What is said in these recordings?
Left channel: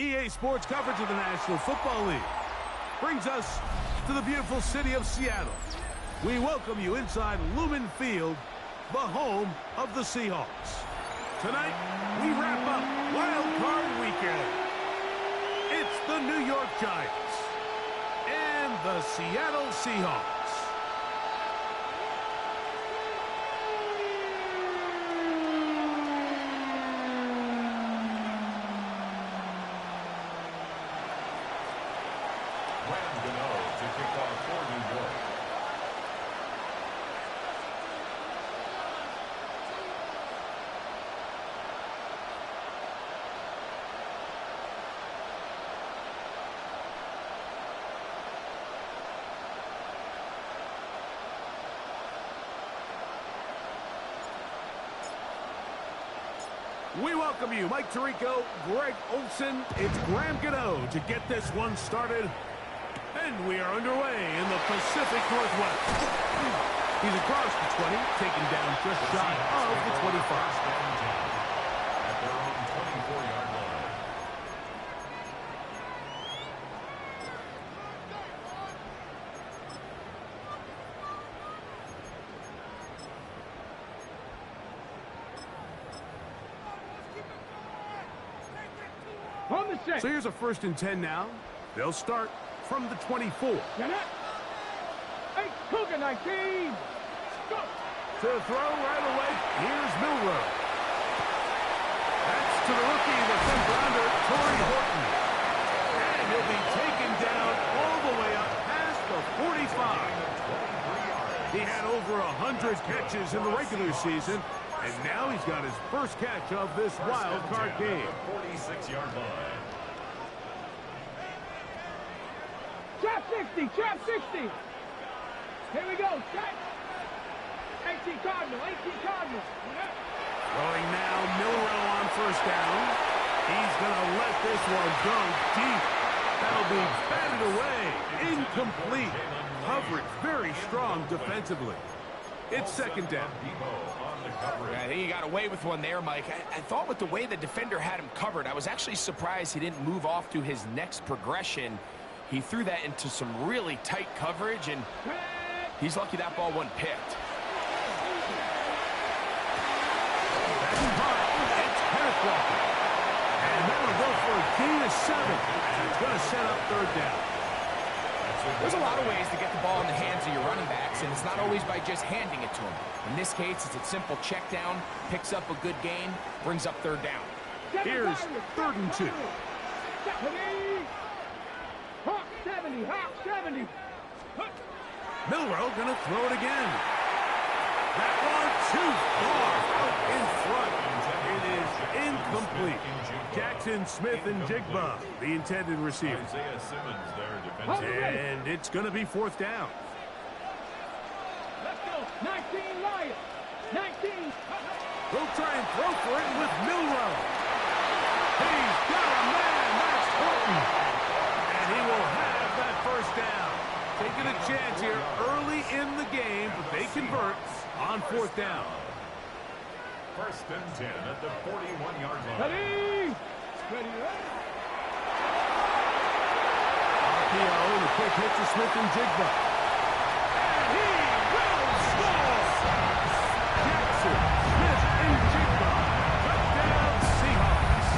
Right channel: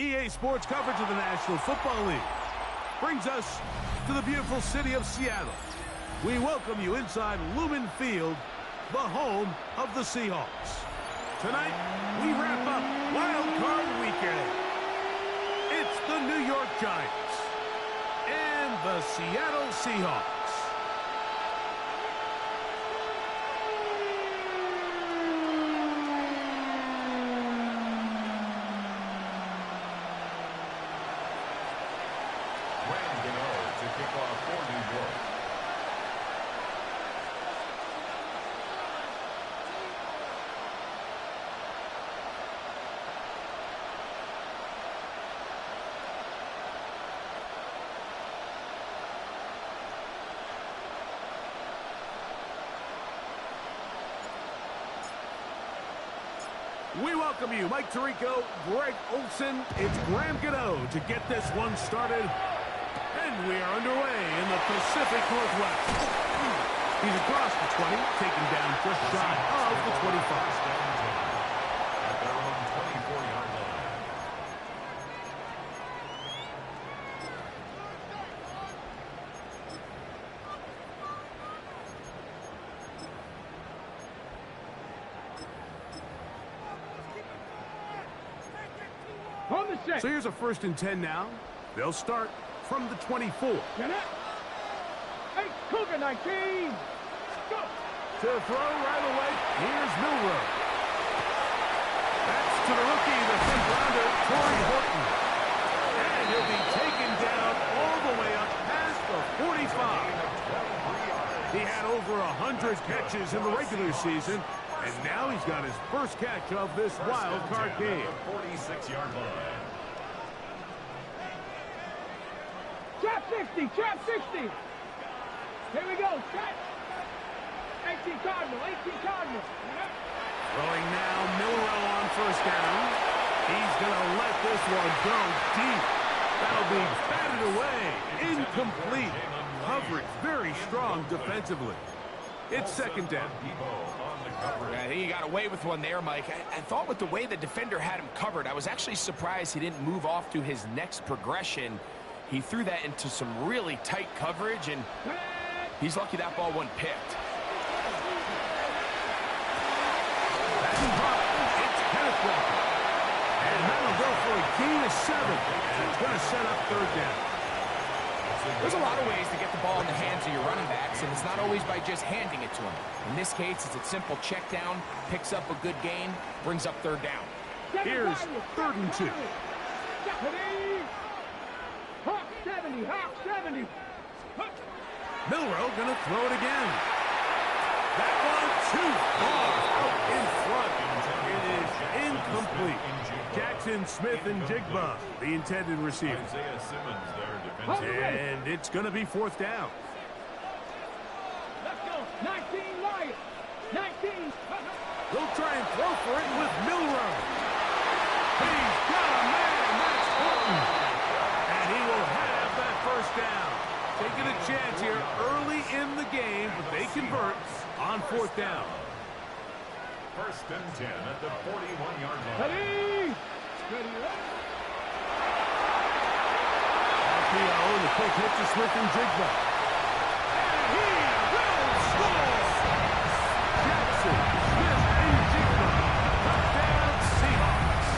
EA Sports coverage of the National Football League brings us to the beautiful city of Seattle. We welcome you inside Lumen Field, the home of the Seahawks. Tonight, we wrap up Wild Card Weekend. It's the New York Giants and the Seattle Seahawks. To kick off for New York. We welcome you, Mike Tirico, Greg Olson. It's Graham Gano to get this one started. And we are underway in the Pacific Northwest. He's across the 20, taken down just shy of the 25. At their own 24-yard line. So here's a 1st and 10 now. They'll start from the 24. Get it. Hey, Cougar 19. Go. To throw right away, here's Milrow. That's to the rookie, the 5th-rounder, Torrey Horton. And he'll be taken down all the way up past the 45. He had over 100 catches in the regular season, and now he's got his first catch of this wild card game. 46-yard line. Trap 60, trap 60. Here we go, set. 18 Cardinal, 18 Cardinal. Throwing now, Milrow on 1st down. He's going to let this one go deep. That'll be batted away. Incomplete. Coverage very strong defensively. It's 2nd down. I think he got away with one there, Mike. I thought with the way the defender had him covered, I was actually surprised he didn't move off to his next progression. He threw that into some really tight coverage, and he's lucky that ball wasn't picked. Back in front, it's Kenneth Walker. And that'll go for a gain of 7. And it's going to set up 3rd down. There's a lot of ways to get the ball in the hands of your running backs, and it's not always by just handing it to them. In this case, it's a simple check down, picks up a good gain, brings up 3rd down. Here's 3rd and 2. Hawk 70, Hawk 70. Milrow gonna throw it again. That one too far out in front. It is incomplete. Jackson Smith and Jigba, the intended receiver. Isaiah Simmons there defensively. And it's gonna be 4th down. Let's go. 19 Lions. 19. They'll try and throw for it with Milrow. He's got a man. That's Horton. And he will have that 1st down. Taking a chance here early in the game, but they convert on 4th down. 1st and 10 at the 41-yard line. Ready. RPO and a quick hit to Smith and Jigba. And he will score! Jackson, Smith, and Jigba. Touchdown, Seahawks.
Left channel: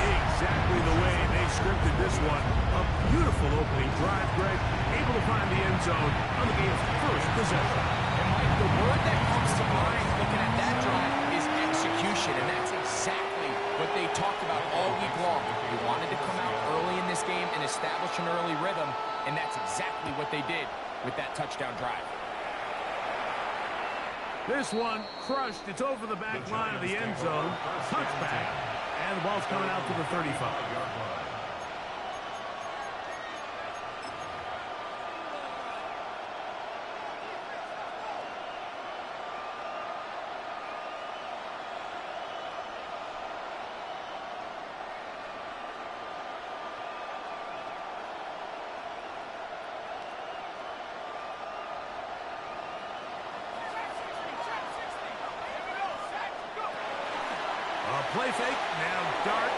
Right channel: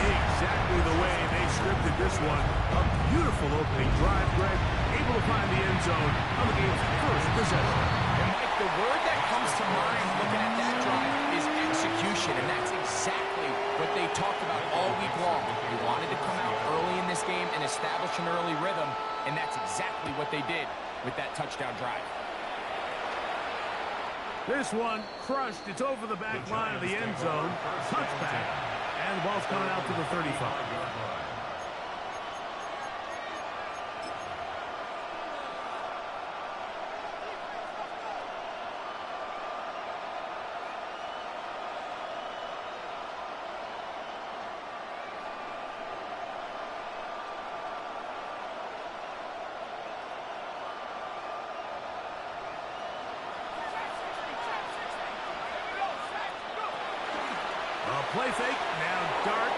Exactly the way they scripted this one. A beautiful opening drive, Greg. Able to find the end zone on the game's 1st possession. And Mike, the word that comes to mind looking at that drive is execution, and that's exactly what they talked about all week long. They wanted to come out early in this game and establish an early rhythm, and that's exactly what they did with that touchdown drive. This one crushed. It's over the back line of the end zone. Touchback. And the ball's coming out to the 35. play fake. Now dart.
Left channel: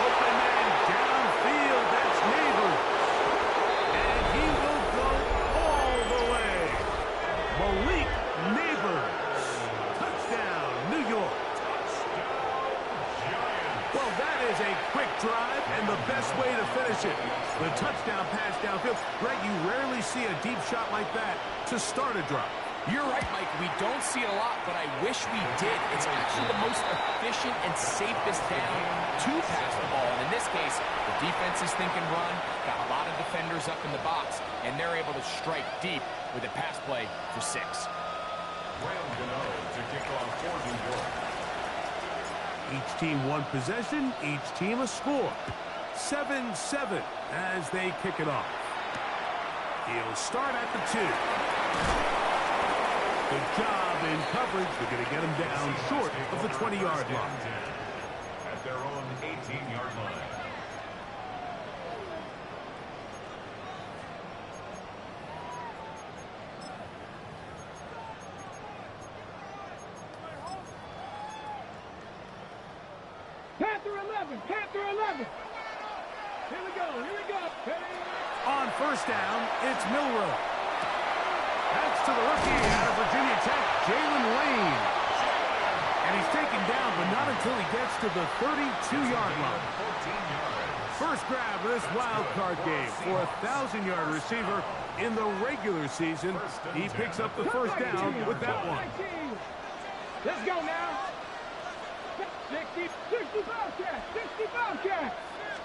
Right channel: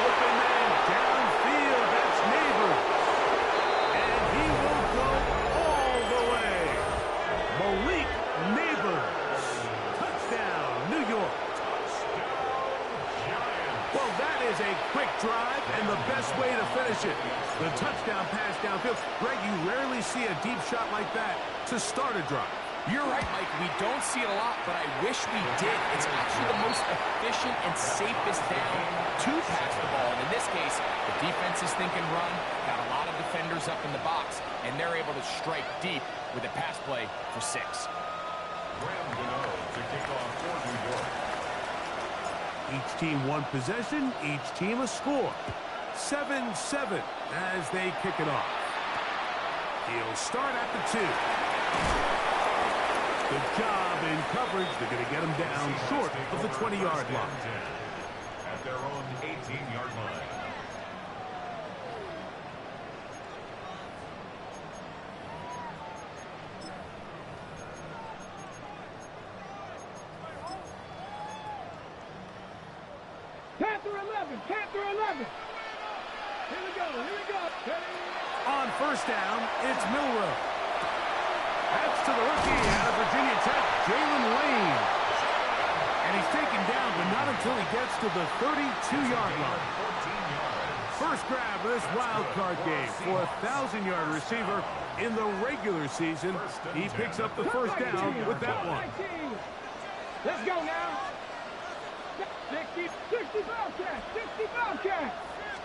Open man downfield. That's Neighbors. And he will go all the way. Malik Neighbors. Touchdown, New York. Well, that is a quick drive and the best way to finish it. The touchdown pass downfield. Greg, you rarely see a deep shot like that to start a drive. You're right, Mike. We don't see it a lot, but I wish we did. It's actually the most efficient and safest down to pass the ball. And in this case, the defense is thinking run, got a lot of defenders up in the box, and they're able to strike deep with a pass play for 6. Graham Gano to kick off for New York. Each team one possession, each team a score. 7-7 as they kick it off. He'll start at the 2. Good job in coverage. They're going to get him down short of the 20-yard line. At their own 18-yard line. Panther 11, Panther 11. Here we go, here we go. On first down, it's Milroe. That's to the rookie out of Virginia Tech, Jalen Lane. And he's taken down, but not until he gets to the 32-yard line. First grab of this wild card game for a 1,000-yard receiver in the regular season. He picks up the first down with that one. Let's go now. 65 catch, 65 catch.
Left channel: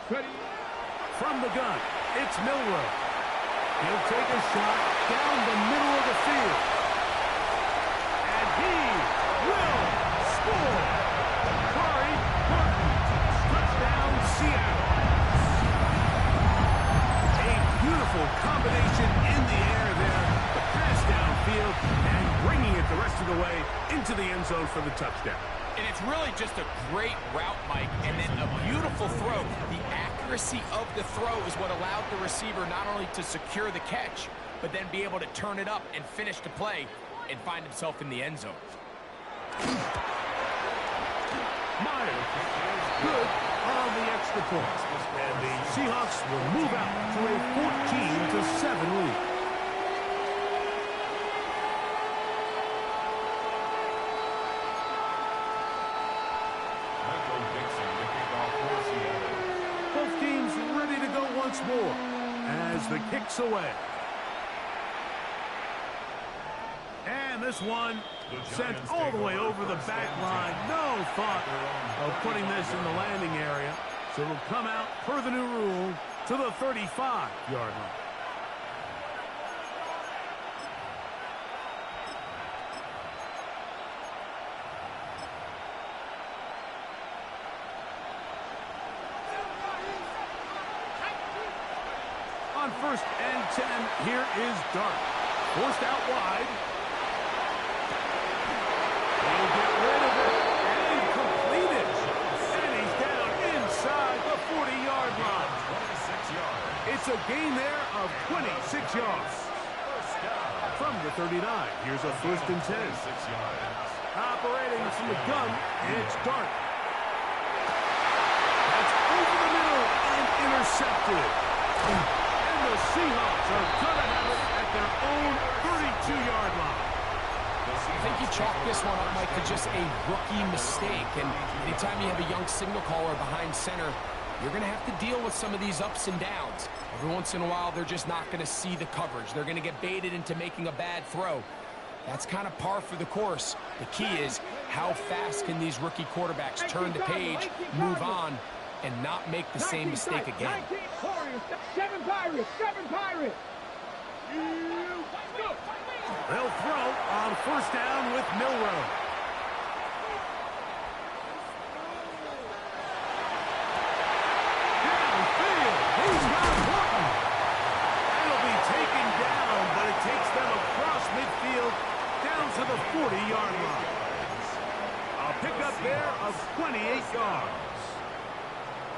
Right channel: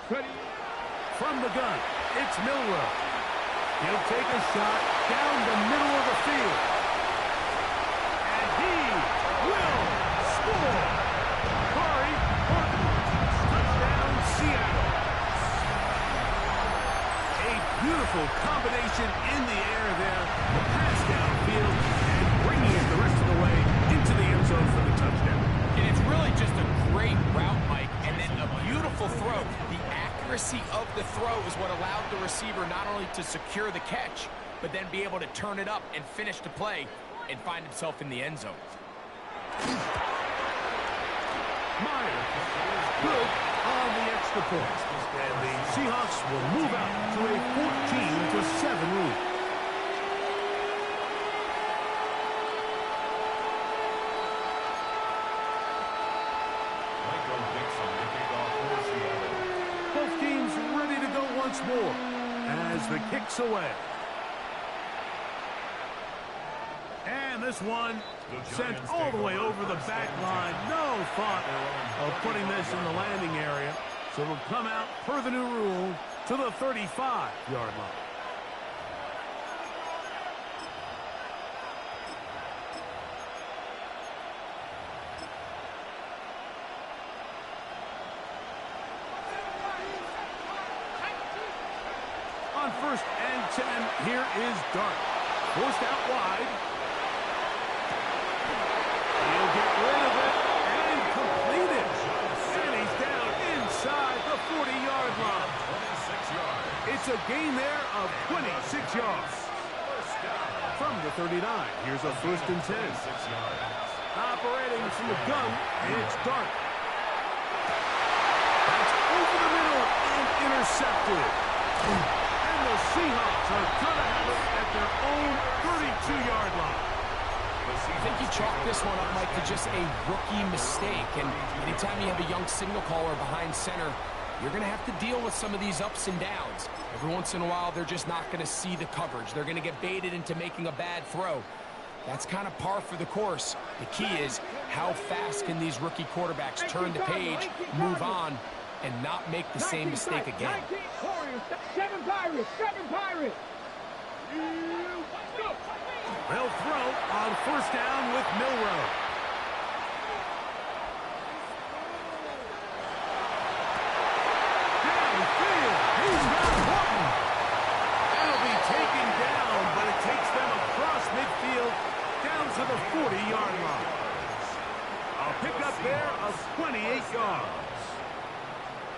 Ready? From the gun, it's Milroe. He'll take a shot down the middle of the field. And he will score. Corey Horton, touchdown Seattle. A beautiful combination in the air there. The pass downfield and bringing it the rest of the way into the end zone for the touchdown. And it's really just a great route, Mike, and then a beautiful throw. The accuracy of the throw is what allowed the receiver not only to secure the catch, but then be able to turn it up and finish the play and find himself in the end zone. Myers, good on the extra point. And the Seahawks will move out to a 14-7 lead. Both teams ready to go once more as the kick's away. And this one sent all the way over the back line. No thought of putting this in the landing area. So it'll come out per the new rule to the 35-yard line. On 1st and 10, here is Dart. Forced out wide. He'll get rid of it and complete it. And he's down inside the 40-yard line. 26 yards. It's a gain there of 26 yards. From the 39, here's a 1st and 10. Operating from the gun, it's Dart. That's over the middle and intercepted. And the Seahawks are going to have it at their own 32-yard line. I think you chalk this one up, Mike, to just a rookie mistake. And anytime you have a young signal caller behind center, you're going to have to deal with some of these ups and downs. Every once in a while, they're just not going to see the coverage. They're going to get baited into making a bad throw. That's kind of par for the course. The key is how fast can these rookie quarterbacks turn the page, move on, and not make the same mistake again. 7 Pirates, 7 Pirates. They'll throw on 1st down with Milroe. Downfield, he's got Horton. That'll be taken down, but it takes them across midfield down to the 40-yard line. A pickup there of 28 yards.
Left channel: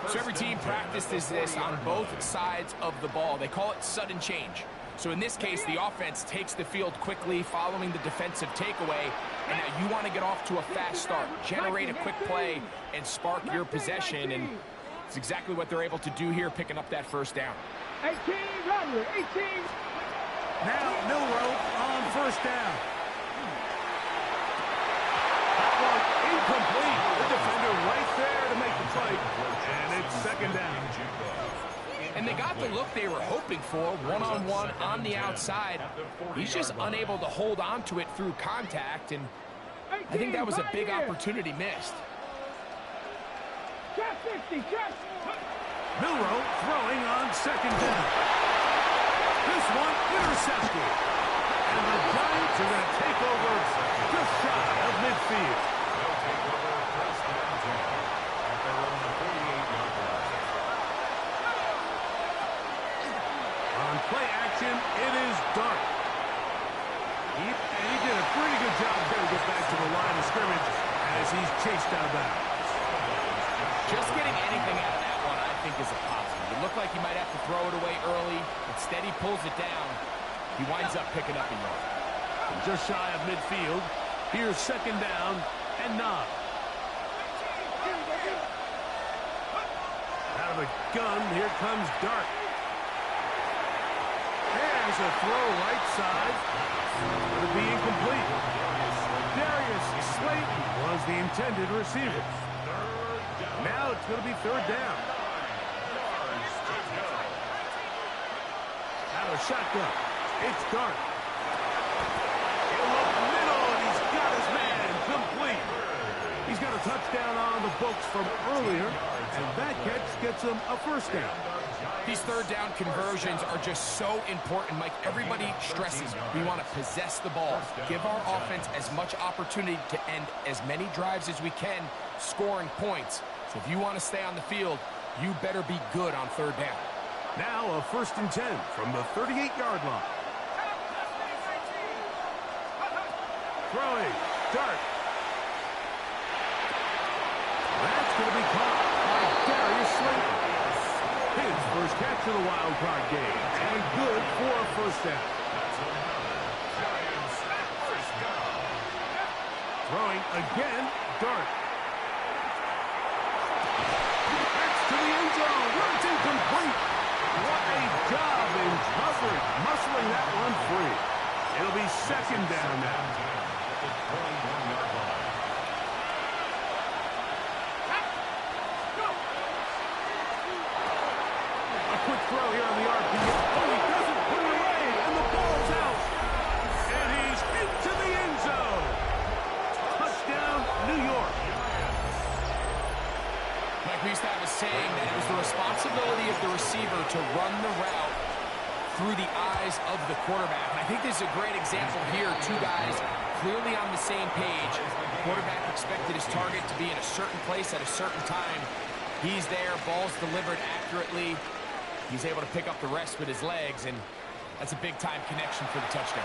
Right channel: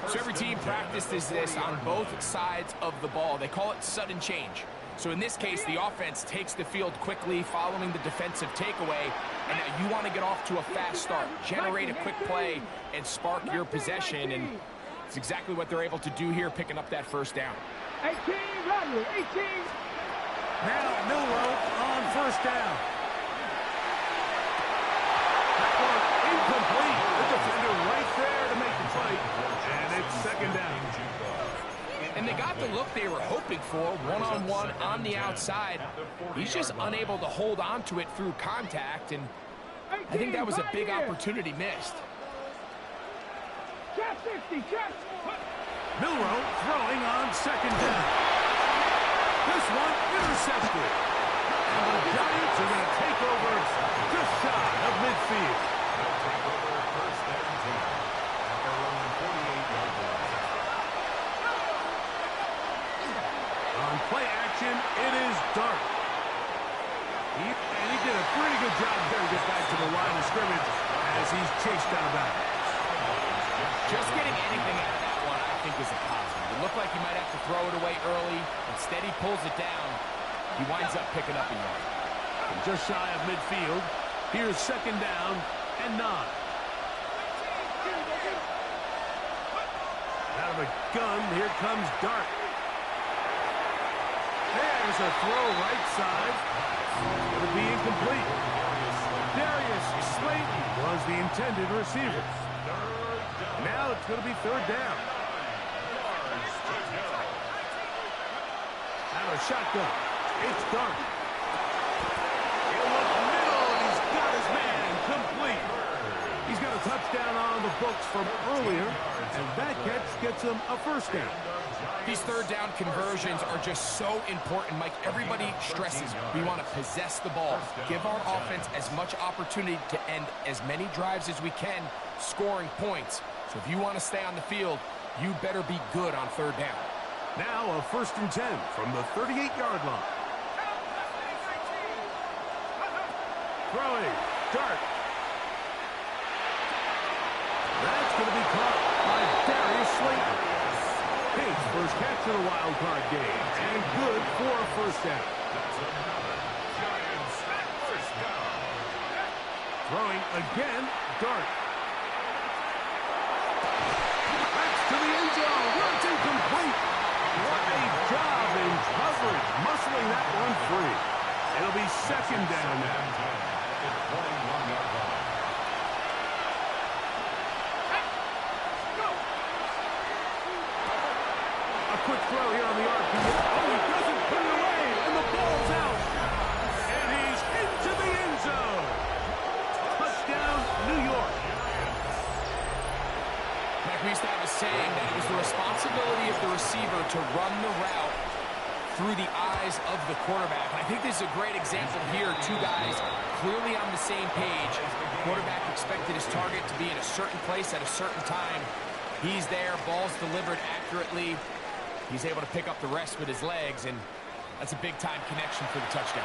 So every team practices this on both sides of the ball. They call it sudden change. So in this case, the offense takes the field quickly following the defensive takeaway, and now you want to get off to a fast start, generate a quick play, and spark your possession, and it's exactly what they're able to do here, picking up that first down. 18, Rodley, 18. Now Milroe on first down. That one incomplete. The defender right there to make the play, and it's second down. And they got the look they were hoping for, one-on-one on the outside. He's just unable to hold on to it through contact, and I think that was a big opportunity missed. Trap 60, trap. Milroe throwing on second down. This one intercepted. And the Giants are going to take over just shy of midfield. They'll take over first and 10 at their own 48-yard line. On play action, it is Dart. He did a pretty good job there to get back to the line of scrimmage as he's chased out of bounds. Just getting anything out of that one, I think, is a positive. It looked like he might have to throw it away early. Instead, he pulls it down. He winds up picking up a yard. And just shy of midfield, here's second down and 9. Out of the gun, here comes Dart. There's a throw right side. It's going to be incomplete. Darius Slayton was the intended receiver. Now it's going to be third down. Out of a shotgun, it's Dart. He'll look middle, and he's got his man complete. He's got a touchdown on the books from earlier, and that catch gets him a first down. These third down conversions are just so important, Mike. Everybody stresses we want to possess the ball, give our offense as much opportunity to end as many drives as we can, scoring points. So if you want to stay on the field, you better be good on third down. Now a first and 10 from the 38-yard line. Throwing, Dart. That's going to be caught by Darius Slayton. His first catch of the wild card game, and good for a first down. That's another Giants first down. Throwing again, Dart. That's to the end zone, where it's incomplete. What a job in coverage, muscling that one free. It'll be second down now. At the 21-yard line. A quick throw here on the RPO. Oh, he doesn't put it away, and the ball's out. And he's into the end zone. Touchdown, New York. Mike, we used to have a saying that it was the responsibility of the receiver to run the route through the eyes of the quarterback. And I think this is a great example here. Two guys clearly on the same page. The quarterback expected his target to be in a certain place at a certain time. He's there, ball's delivered accurately. He's able to pick up the rest with his legs, and that's a big-time connection for the touchdown.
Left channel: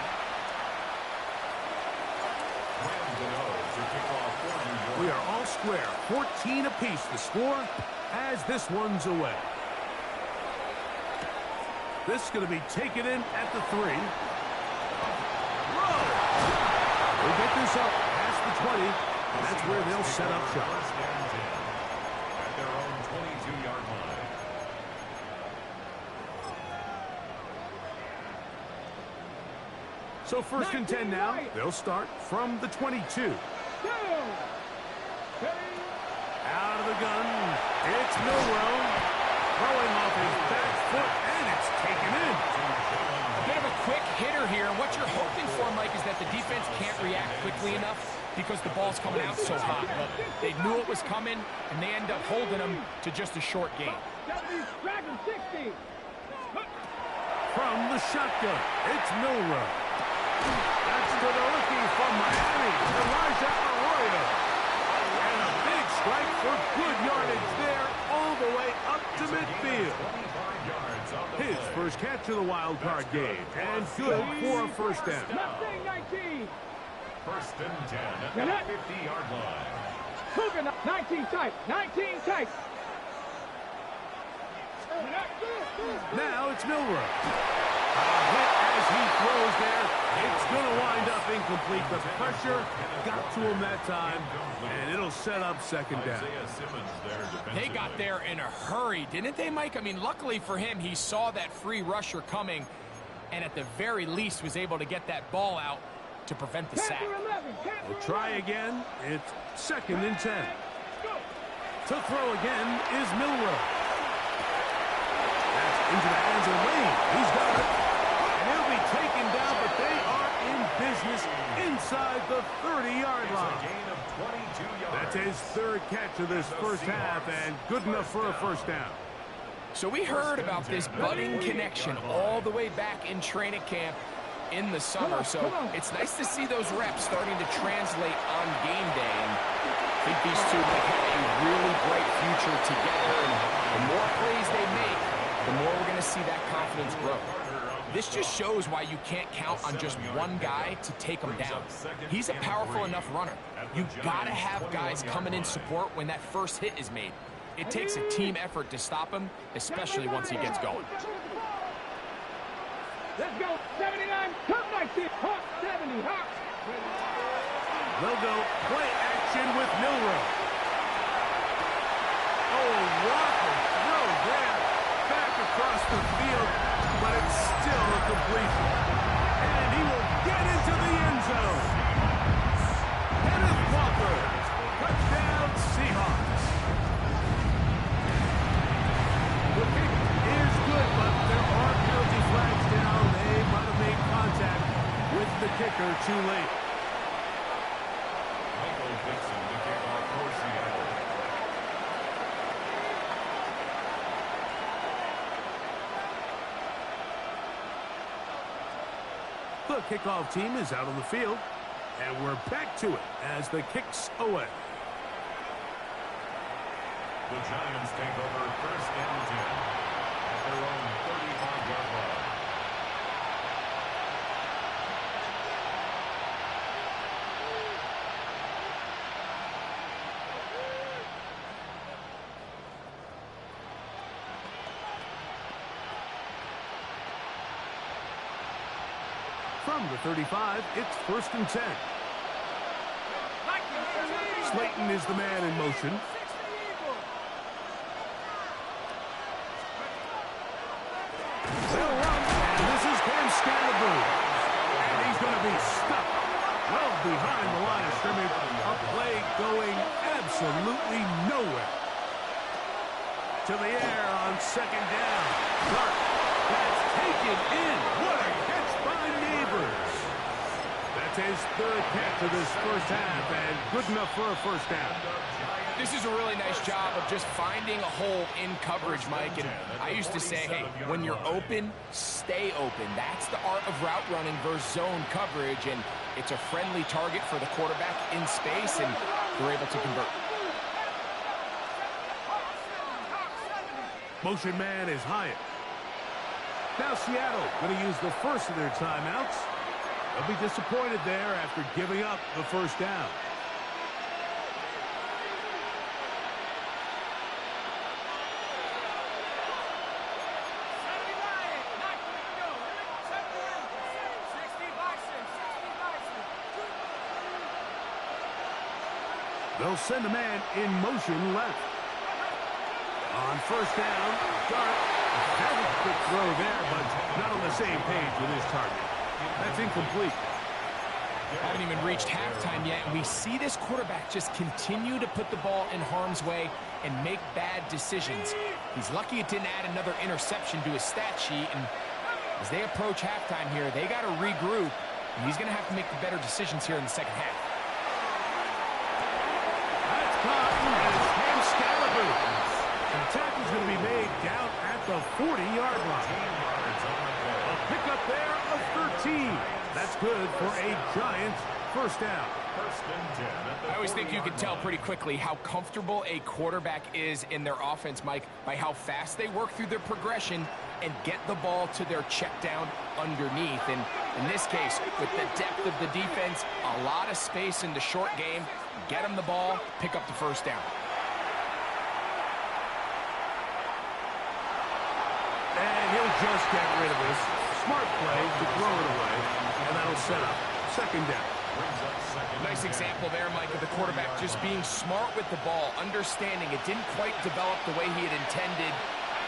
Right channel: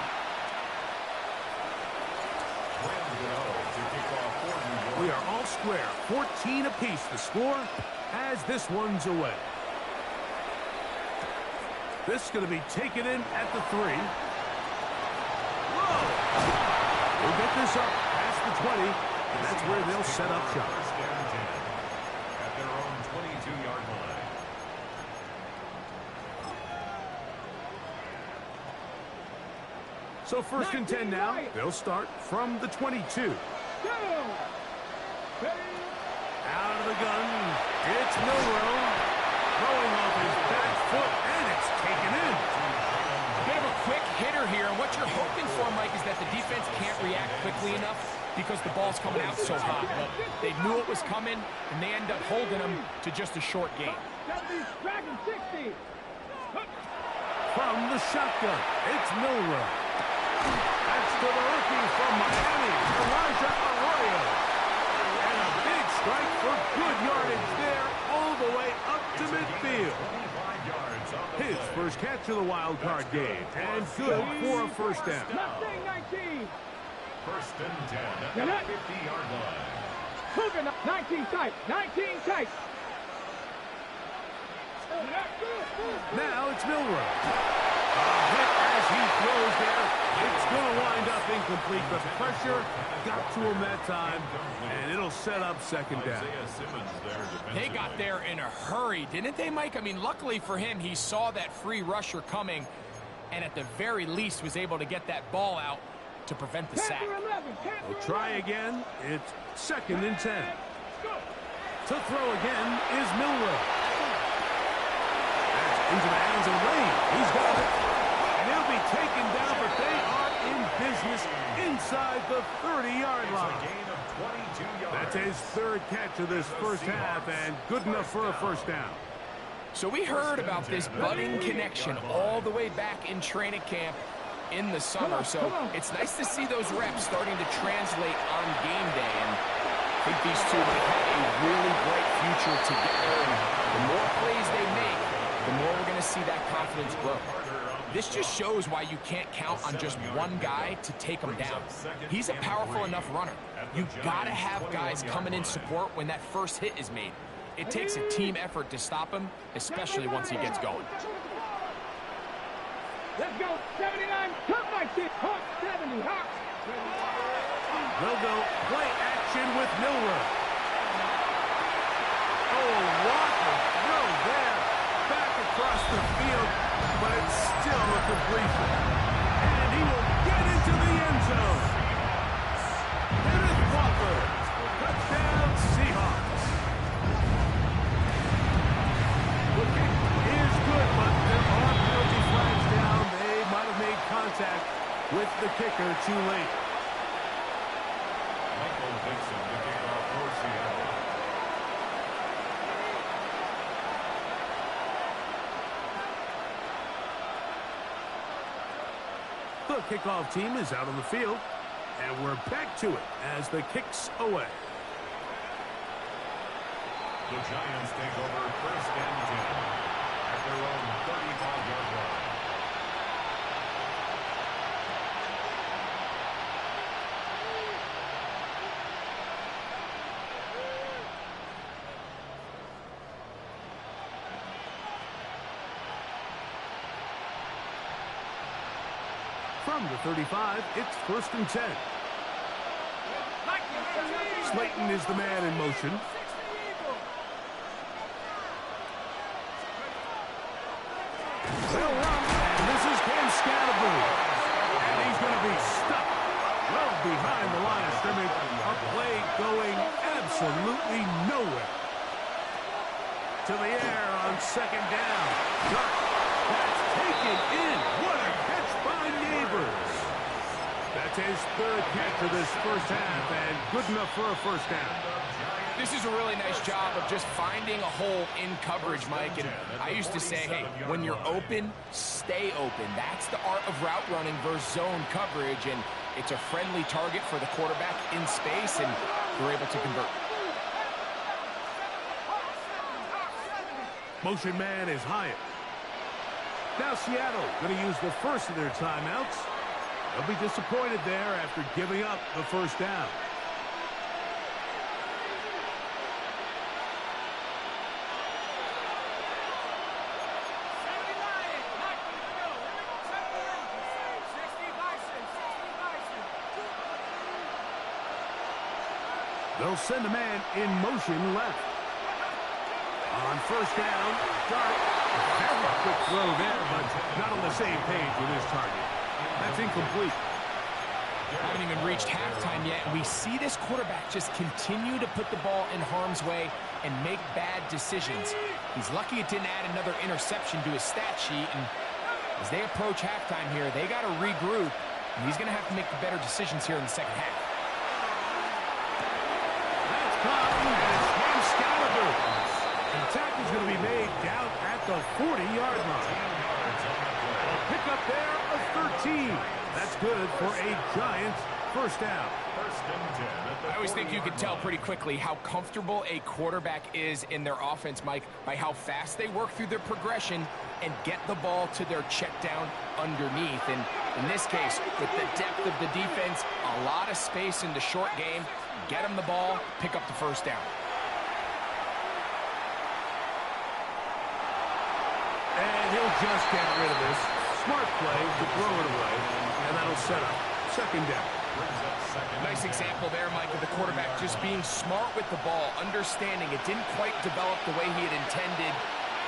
We are all square, 14 apiece the score as this one's away. This is going to be taken in at the 3. Whoa! We'll get this up past the 20, and that's where they'll set up shop. First and 10 at their own 22-yard line. So first and 10 now. They'll start from the 22. Out of the gun, it's Milroe. Throwing off his back foot, and it's taken in. A bit of a quick hitter here, and what you're hoping for, Mike, is that the defense can't react quickly enough because the ball's coming out so hot. But they knew it was coming, and they end up holding them to just a short gain. From the shotgun, it's Milroe. That's to the rookie from Miami, Elijah Arroyo. And a big strike for good yardage there all the way up to midfield. His first catch of the wild card game, and good for a first down. First and 10 at the 50-yard line. 19 tight, 19 tight. Now it's Milroe. Hit as he throws there. It's going to wind up incomplete. The pressure got to him that time, and it'll set up second down. They got there in a hurry, didn't they, Mike? I mean, luckily for him, he saw that free rusher coming, and at the very least was able to get that ball out to prevent the sack. We'll try again. It's 2nd and 10. To throw again is Milroe. That's into the hands of Lane. He's got it. And he'll be taken down, but they are in business inside the 30-yard line. That's his 3rd catch of this first half, and good enough for a first down. So we heard about this budding connection all the way back in training camp in the summer. So it's nice to see those reps starting to translate on game day. And I think these two might have a really bright future together. And the more plays they make, the more we're going to see that confidence grow. This just shows why you can't count on just one guy to take him down. He's a powerful enough runner. You've got to have guys coming in support when that first hit is made. It takes a team effort to stop him, especially once he gets going. Let's go. 79. Come back here. Hawk 70. Hawk. They'll go play action with Milroe. Oh, Walker throw there. Back across the field, but it's still a completion. And he will get into the end zone. Kenneth Walker. Touchdown, Seahawks. The kick is good, but there are penalty flags down. They might have made contact with the kicker too late. Michael Dixon to kick off for Seattle. The kickoff team is out on the field, and we're back to it as the kick's away. The Giants take over 1st and 10 at their own 35-yard line. From the 35, it's 1st and 10. Slayton is the man in motion. They'll run, and this is Cam Scatterboo. And he's going to be stuck well behind the line of scrimmage. A play going absolutely nowhere. To the air on 2nd down. Dark. That's taken in. What a catch by Neighbors. That's his 3rd catch of this first half, and good enough for a first down. This is a really nice job of just finding a hole in coverage, Mike. And I used to say, hey, when you're open, stay open. That's the art of route running versus zone coverage, and it's a friendly target for the quarterback in space, and they're able to convert. Motion man is Hyatt. Now Seattle going to use the first of their timeouts. They'll be disappointed there after giving up the first down. They'll send a man in motion left. On 1st down, Dart. Very quick throw there, but not on the same page with his target. That's incomplete. Haven't even reached halftime yet, and we see this quarterback just continue to put the ball in harm's way and make bad decisions. He's lucky it didn't add another interception to his stat sheet, and as they approach halftime here, they got to regroup, and he's going to have to make the better decisions here in the second half. That's caught, and it's Cam Scalaboo. And the tackle's going to be made down at the 40-yard line. A pickup there of 13. That's good for a Giants first down. 1st and 10 at the I always think you can tell 40-yard pretty quickly how comfortable a quarterback is in their offense, Mike, by how fast they work through their progression and get the ball to their check down underneath. And in this case, with the depth of the defense, a lot of space in the short game, get them the ball, pick up the first down. And he'll just get rid of this. smart play to throw it away, and that'll set up second down. Nice example there, Mike, of the quarterback just being smart with the ball, understanding it didn't quite develop the way he had intended.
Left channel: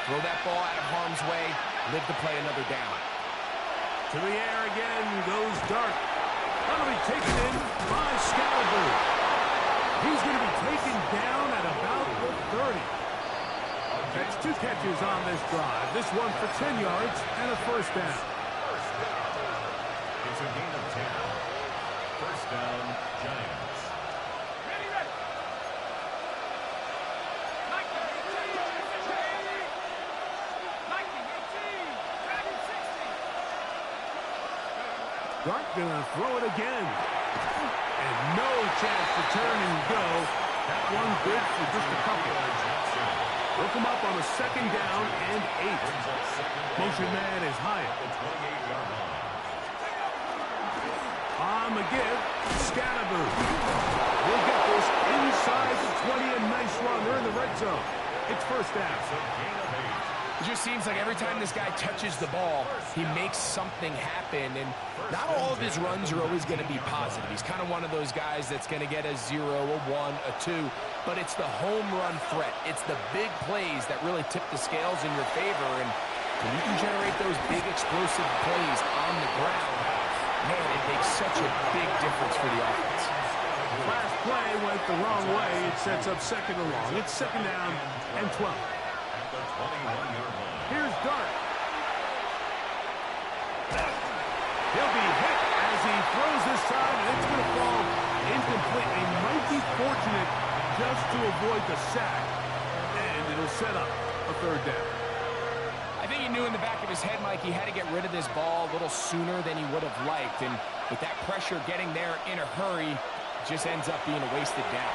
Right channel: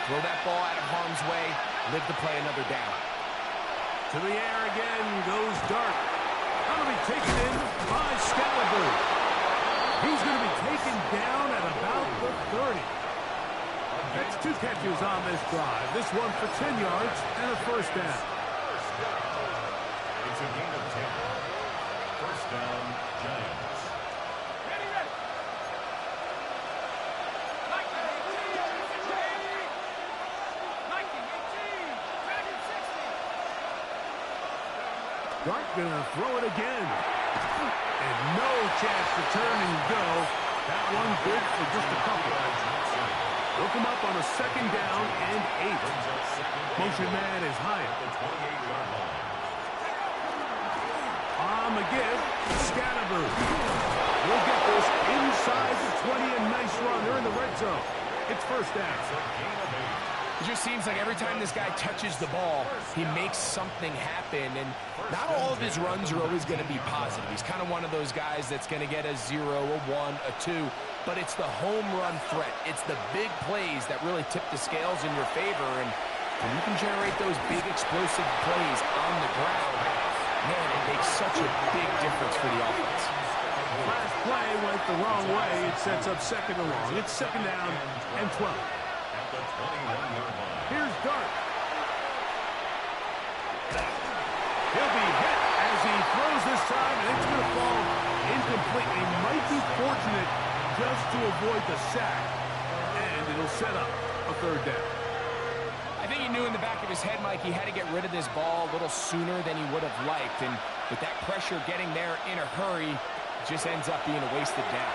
Throw that ball out of harm's way, live to play another down. To the air again goes Dart. That'll be taken in by Scalaboo. He's going to be taken down at about the 30. That's 2 catches on this drive. This one for 10 yards and a first down. It's a gain of 10. First down, Giants. Ready, ready. 19, 18, 19, 18. Dart going to throw it again. And no chance to turn and go. That one good for just a couple. Look him up on a second down and 8. Motion man is Hyatt. On the give, Scalaboo. We'll get this inside the 20, a nice run. They're in the red zone. It's first down. It just seems like every time this guy touches the ball, he makes something happen, and not all of his runs are always going to be positive. He's kind of one of those guys that's going to get a 0, a 1, a 2, but it's the home run threat. It's the big plays that really tip the scales in your favor, and when you can generate those big explosive plays on the ground, man, it makes such a big difference for the offense. Last play went the wrong way. It sets up second and long. It's second down and 12. At the 21-yard line. Here's Dart. He'll be hit as he throws this time, and it's going to fall incomplete. He might be fortunate just to avoid the sack, and it'll set up a third down. I think he knew in the back of his head, Mike, he had to get rid of this ball a little sooner than he would have liked, and with that pressure getting there in a hurry, it just ends up being a wasted down.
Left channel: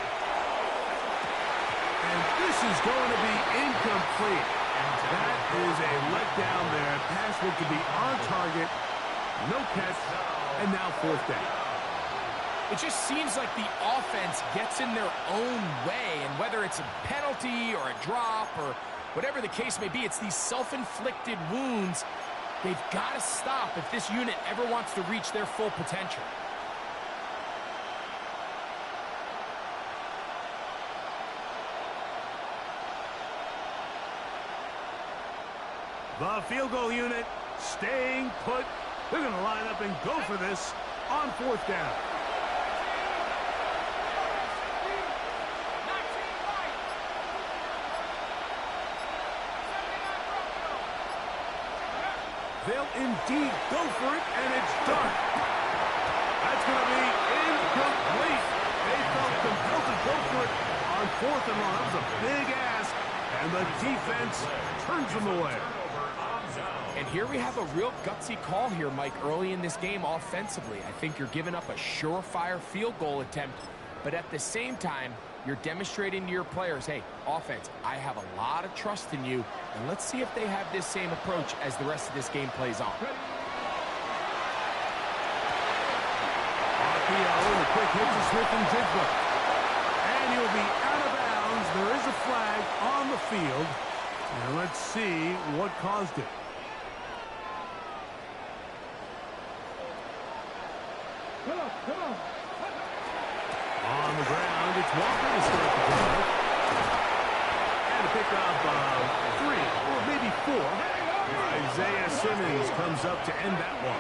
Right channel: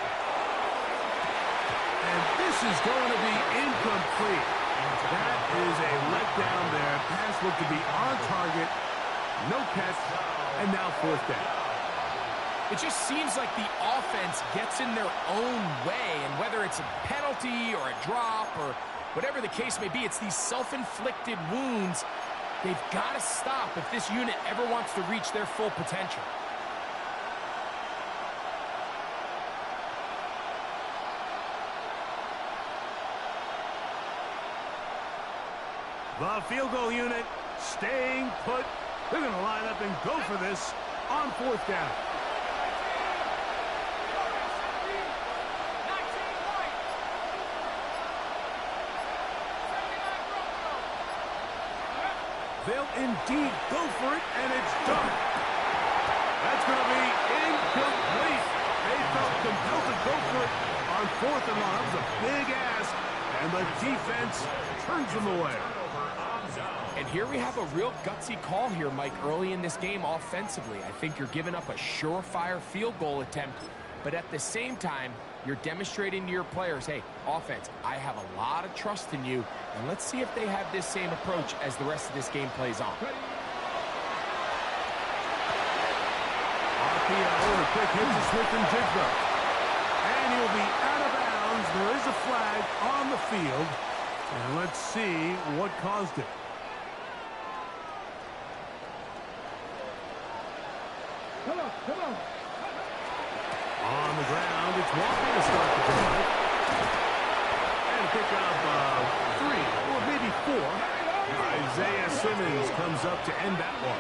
And this is going to be incomplete. That is a letdown there. Pass looked to be on target. No catch. And now fourth down. It just seems like the offense gets in their own way. And whether it's a penalty or a drop or whatever the case may be, it's these self-inflicted wounds. They've got to stop if this unit ever wants to reach their full potential. The field goal unit staying put. They're going to line up and go for this on fourth down. They'll indeed go for it, and it's done. That's going to be incomplete. They felt compelled to go for it on fourth and long. That was a big ask, and the defense turns them away. And here we have a real gutsy call here, Mike, early in this game offensively. I think you're giving up a surefire field goal attempt, but at the same time, you're demonstrating to your players, hey, offense, I have a lot of trust in you, and let's see if they have this same approach as the rest of this game plays on. RPO, and a quick hit to Smith and Jigba. And he'll be out of bounds. There is a flag on the field, and let's see what caused it. Come on, come on. On the ground, it's Walker to start the drive. And to pick up 3 or maybe 4. Isaiah Simmons comes up to end that one.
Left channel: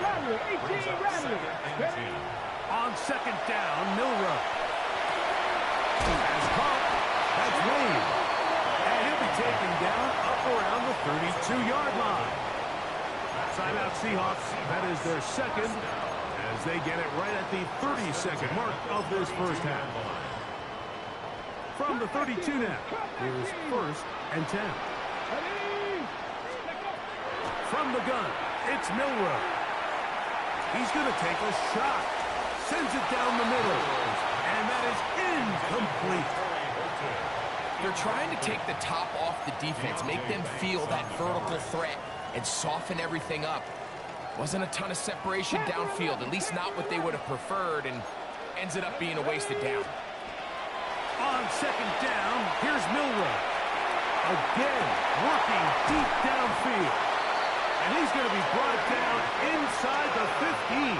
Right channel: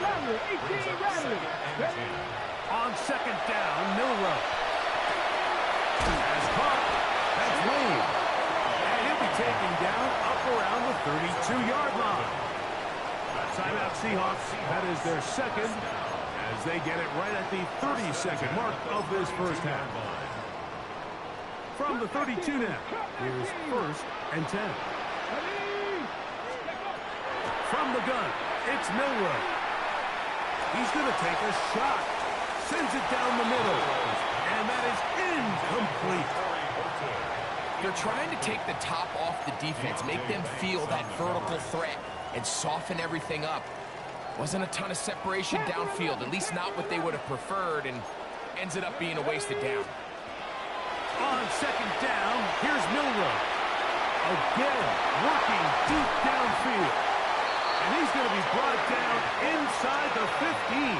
Rattler, 18, Rattler. On second down, Milrow. As caught, that's Wayne. And he'll be taken down up around the 32-yard line. Timeout Seahawks. That is their second, as they get it right at the 32nd mark of this first half. From the 32 now, here's first and 10. From the gun, it's Milrow. He's going to take a shot. Sends it down the middle. And that is incomplete. They're trying to take the top off the defense, make them feel that vertical threat, and soften everything up. Wasn't a ton of separation downfield, at least not what they would have preferred, and ends it up being a wasted down. On second down, here's Milrow. Again, working deep downfield. And he's going to be brought down inside the 15.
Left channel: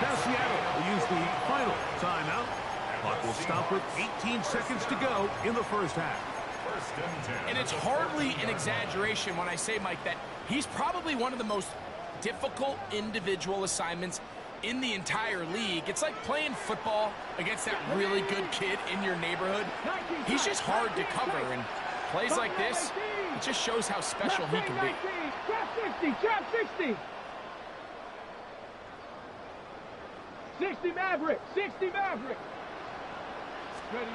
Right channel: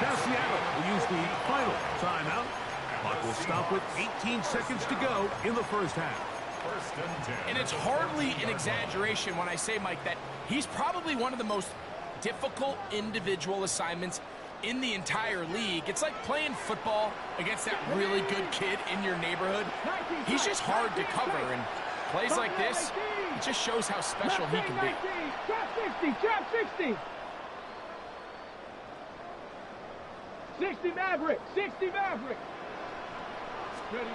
Now Seattle will use the final timeout. Clock will stop with 18 seconds to go in the first half. And it's hardly an exaggeration when I say, Mike, that he's probably one of the most difficult individual assignments in the entire league. It's like playing football against that really good kid in your neighborhood. He's just hard to cover, and plays like this, it just shows how special he can be. Trap 60, trap 60. 60 Maverick, 60 Maverick. Ready,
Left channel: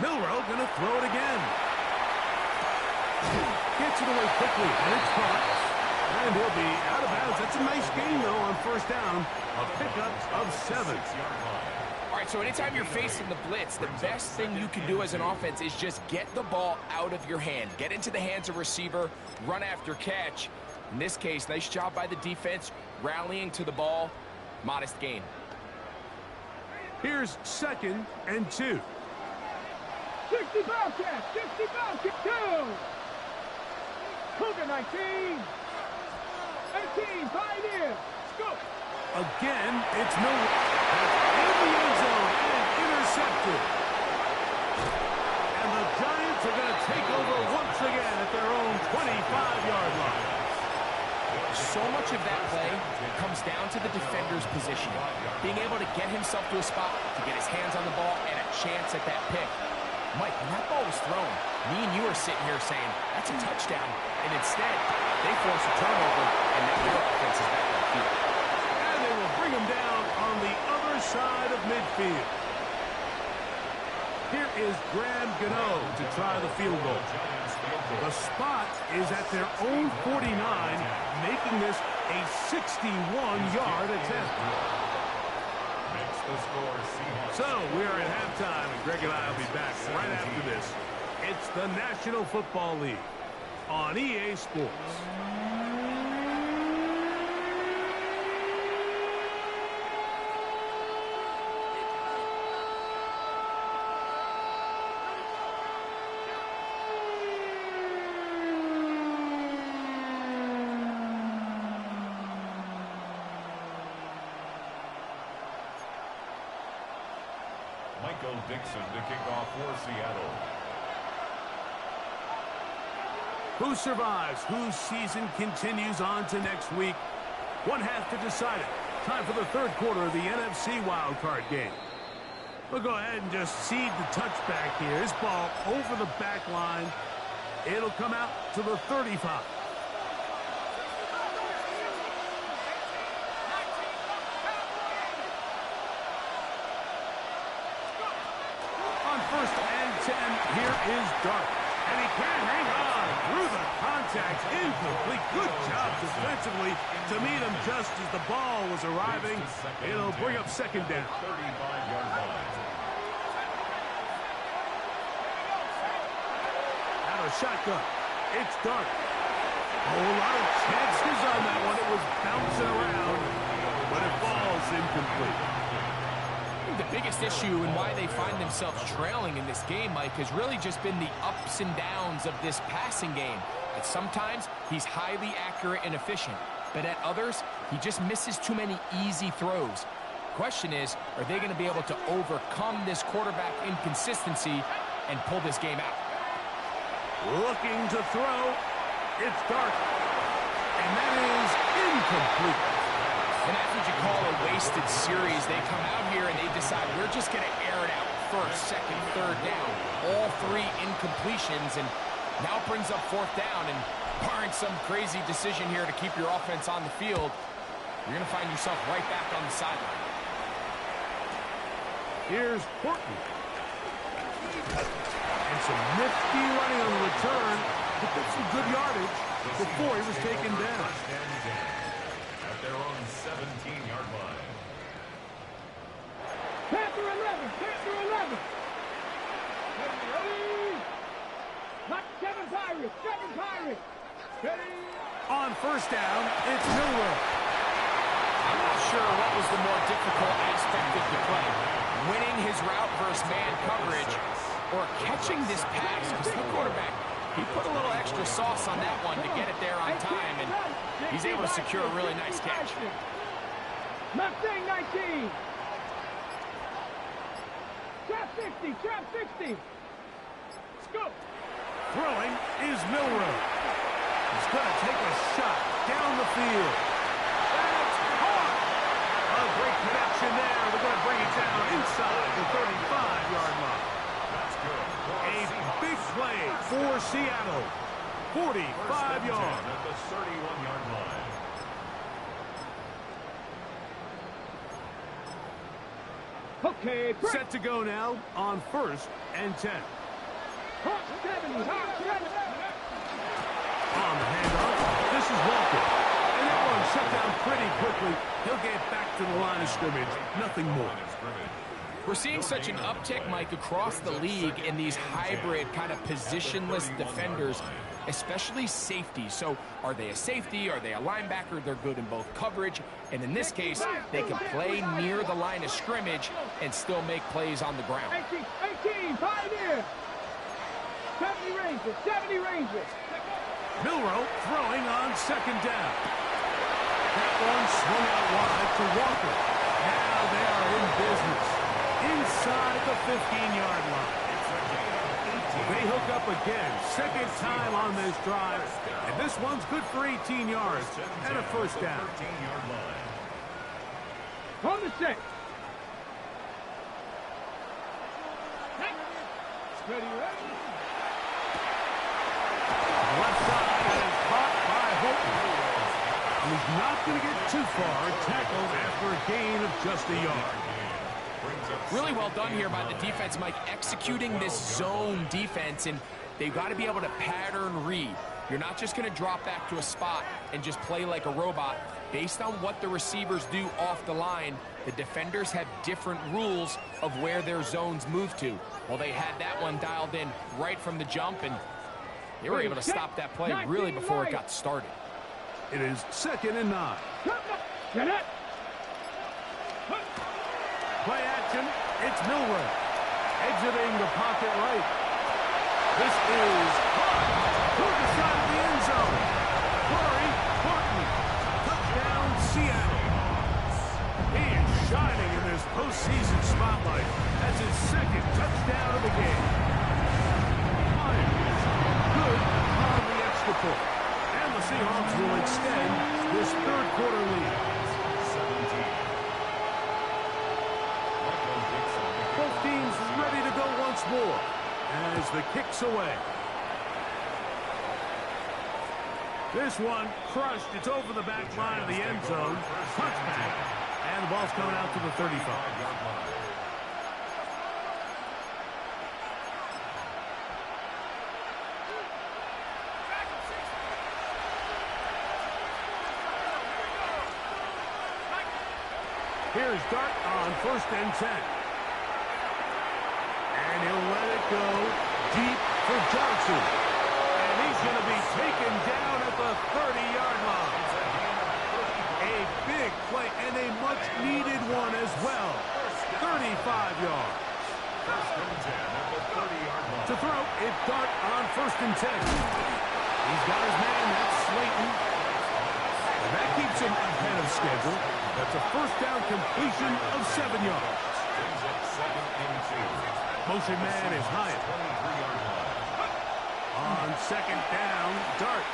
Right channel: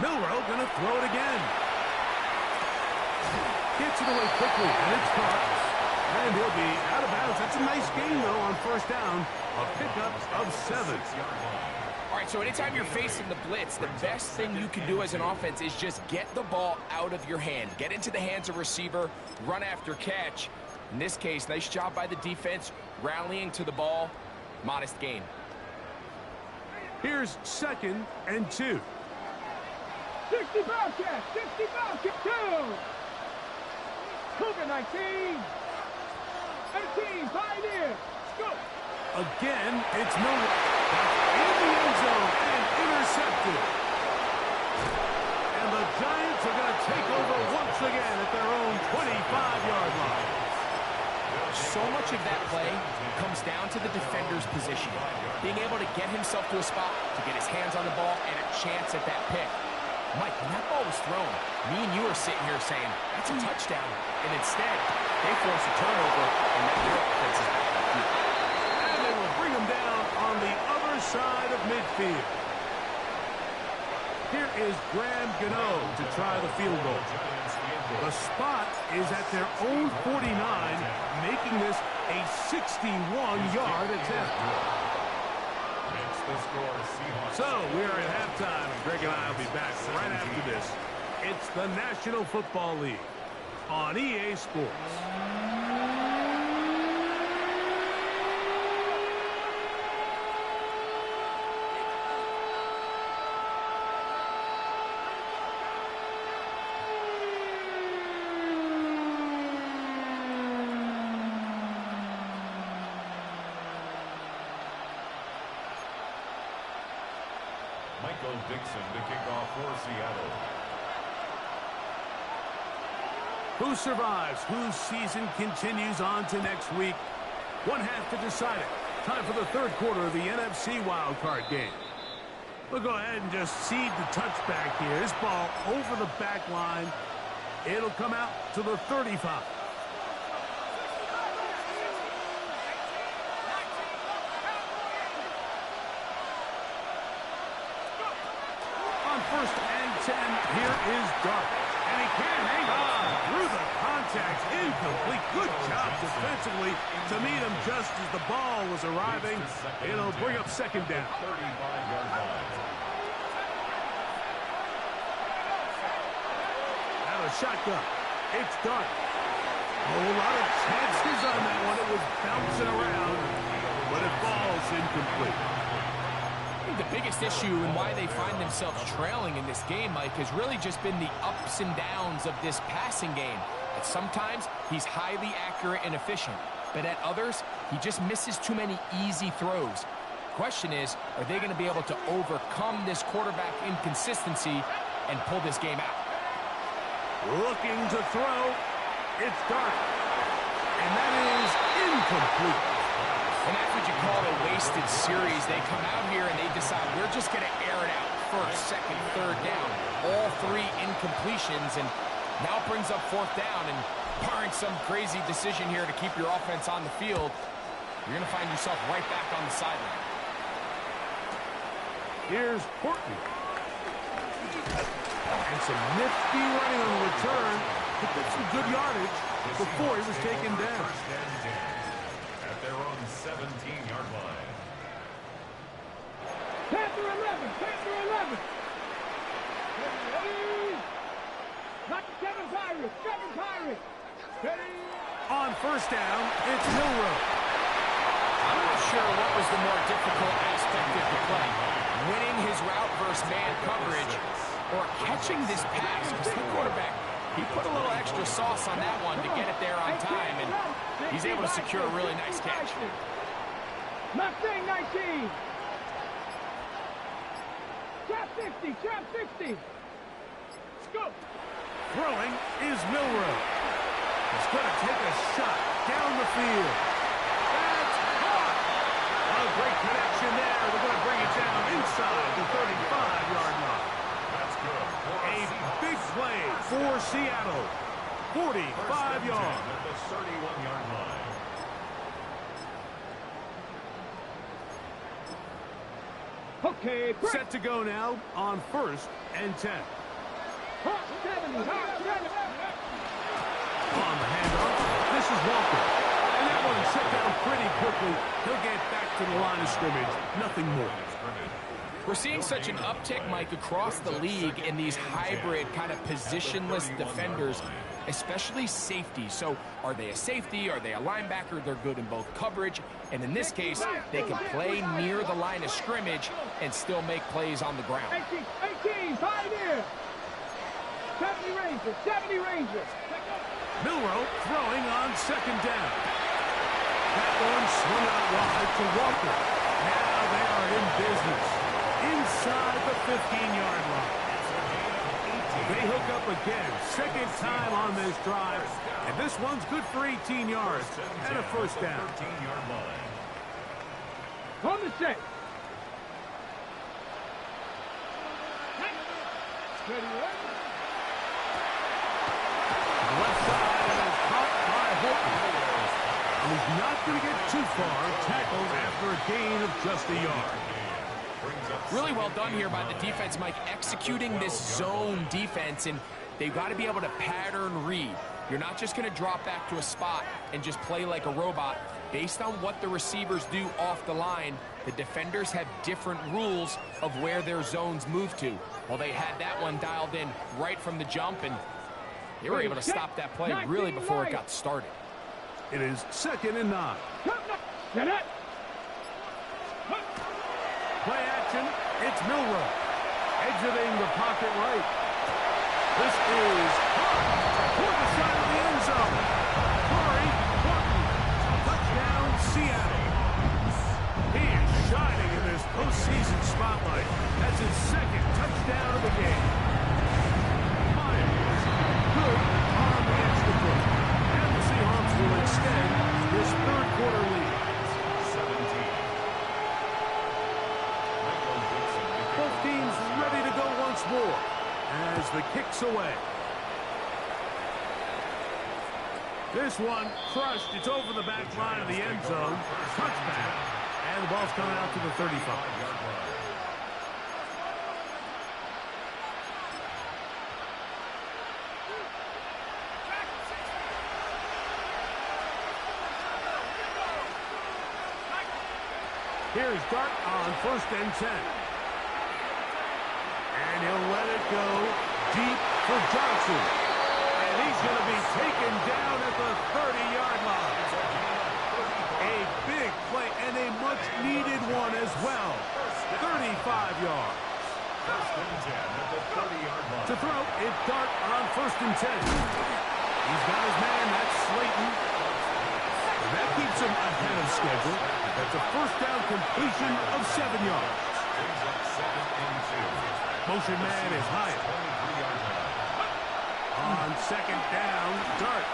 Milroe going to throw it again. Gets it away quickly, and it's caught. And he'll be out of bounds. That's a nice gain, though, on first down. A pickup of 7. All right, so anytime you're facing the blitz, the best thing you can do as an offense is just get the ball out of your hand. Get into the hands of receiver, run after catch. In this case, nice job by the defense, rallying to the ball. Modest gain. Here's 2nd and 2. 60 Bobcat, 60 Bobcat, 2. Cougar 19. 18, Pioneer. Scoop. Again, it's Milroe. That's in the end zone and intercepted. And the Giants are going to take over once again at their own 25-yard line. So much of that play comes down to the defender's positioning. Being able to get himself to a spot, to get his hands on the ball, and a chance at that pick. Mike, when that ball was thrown, me and you are sitting here saying, that's a touchdown. And instead, they force a turnover, and now their offense is back on the field. And they will bring him down on the other side of midfield. Here is Graham Gano to try the field goal. The spot is at their own 49, making this a 61-yard attempt. So we are at halftime, and Greg and I will be back right after this. It's the National Football League on EA Sports. Michael Dixon to kick off for Seattle. Who survives? Whose season continues on to next week? One half to decide it. Time for the third quarter of the NFC wildcard game. We'll go ahead and just seed the touchback here. This ball over the back line. It'll come out to the 35. On 1st and 10, here is Dark. And he can't hang on through the contact. Incomplete. Good job defensively to meet him just as the ball was arriving. It'll bring up 2nd down. 35-yard line. Out of shotgun. It's Dark. A whole lot of chances on that one. It was bouncing around, but it falls incomplete. The biggest issue and why they find themselves trailing in this game, Mike, has really just been the ups and downs of this passing game. At sometimes, he's highly accurate and efficient, but at others, he just misses too many easy throws. Question is, are they going to be able to overcome this quarterback inconsistency and pull this game out? Looking to throw. It's Dark. And that is incomplete. And that's what you call a wasted series. They come out here and they decide we're just going to air it out. 1st, 2nd, 3rd down. All 3 incompletions, and now it brings up 4th down. And barring some crazy decision here to keep your offense on the field, you're going to find yourself right back on the sideline. Here's Horton. And some nifty running on the return. Picked up some good yardage before he was taken down. At their own 17-yard line. Panther 11, Panther 11. Ready? Not 7 Pirates, 7 Pirates. Ready? On 1st down, it's Milroe. I'm not sure what was the more difficult aspect of the play. Winning his route versus man coverage or catching this pass, because the quarterback He put a little extra sauce on that one to get it there on time, and he's able to secure a really nice catch. Mustang 19. Trap 60, trap 60. Go. Throwing is Milroe. He's going to take a shot down the field. That's caught. A great connection there. They're going to bring it down inside the 35-yard line. That's good. A big play for Seattle. 45 yards. At the 31-yard line. Okay, break. Set to go now on 1st and 10. Hawk 70, Hawk 70. On the handoff, this is Walker. And that one set down pretty quickly. He'll get back to the line of scrimmage. Nothing more. We're seeing such an uptick, Mike, across the league in these hybrid kind of positionless defenders, especially safety. So are they a safety? Are they a linebacker? They're good in both coverage. And in this case, they can play near the line of scrimmage and still make plays on the ground. 18, Pioneer. 70 Rangers, 70 Rangers. Milroe throwing on 2nd down. That one swung out wide to Walker. Now they are in business inside the 15-yard line. They hook up again, 2nd time on this drive, and this one's good for 18 yards and a 1st down. 13-yard line. On the set. Ready, ready. Left side, and is caught by Horton. And he's not going to get too far, tackled after a gain of just a yard. Really well done here by the defense, Mike, executing this zone defense, and they've got to be able to pattern read. You're not just going to drop back to a spot and just play like a robot. Based on what the receivers do off the line, the defenders have different rules of where their zones move to. Well, they had that one dialed in right from the jump, and they were able to stop that play really before it got started. It is 2nd and 9. Get it. Play action, it's Milroe. Exiting the pocket right. This is caught toward the side of the end zone. Corey Horton, touchdown Seattle. He is shining in this postseason spotlight. That's his 2nd touchdown of the game. Myers, good on the extra point. And the Seahawks will extend this 3rd quarter lead. 17. Both teams ready to go once more as the kick's away. This one crushed. It's over the back line of the end zone. Touchback. And the ball's coming out to the 35-yard line. Here's Dart on 1st and 10. And he'll let it go deep for Johnson. And he's going to be taken down at the 30-yard line. A big play and a much-needed one as well. 35 yards. 1st and 10 at the 30-yard line. To throw, it's Dart on 1st and 10. He's got his man, that's Slayton. And that keeps him ahead of schedule. That's a 1st down completion of 7 yards. Brings up 2nd and 2. Motion man is Hyatt. 23-yard line. On 2nd down, Dart.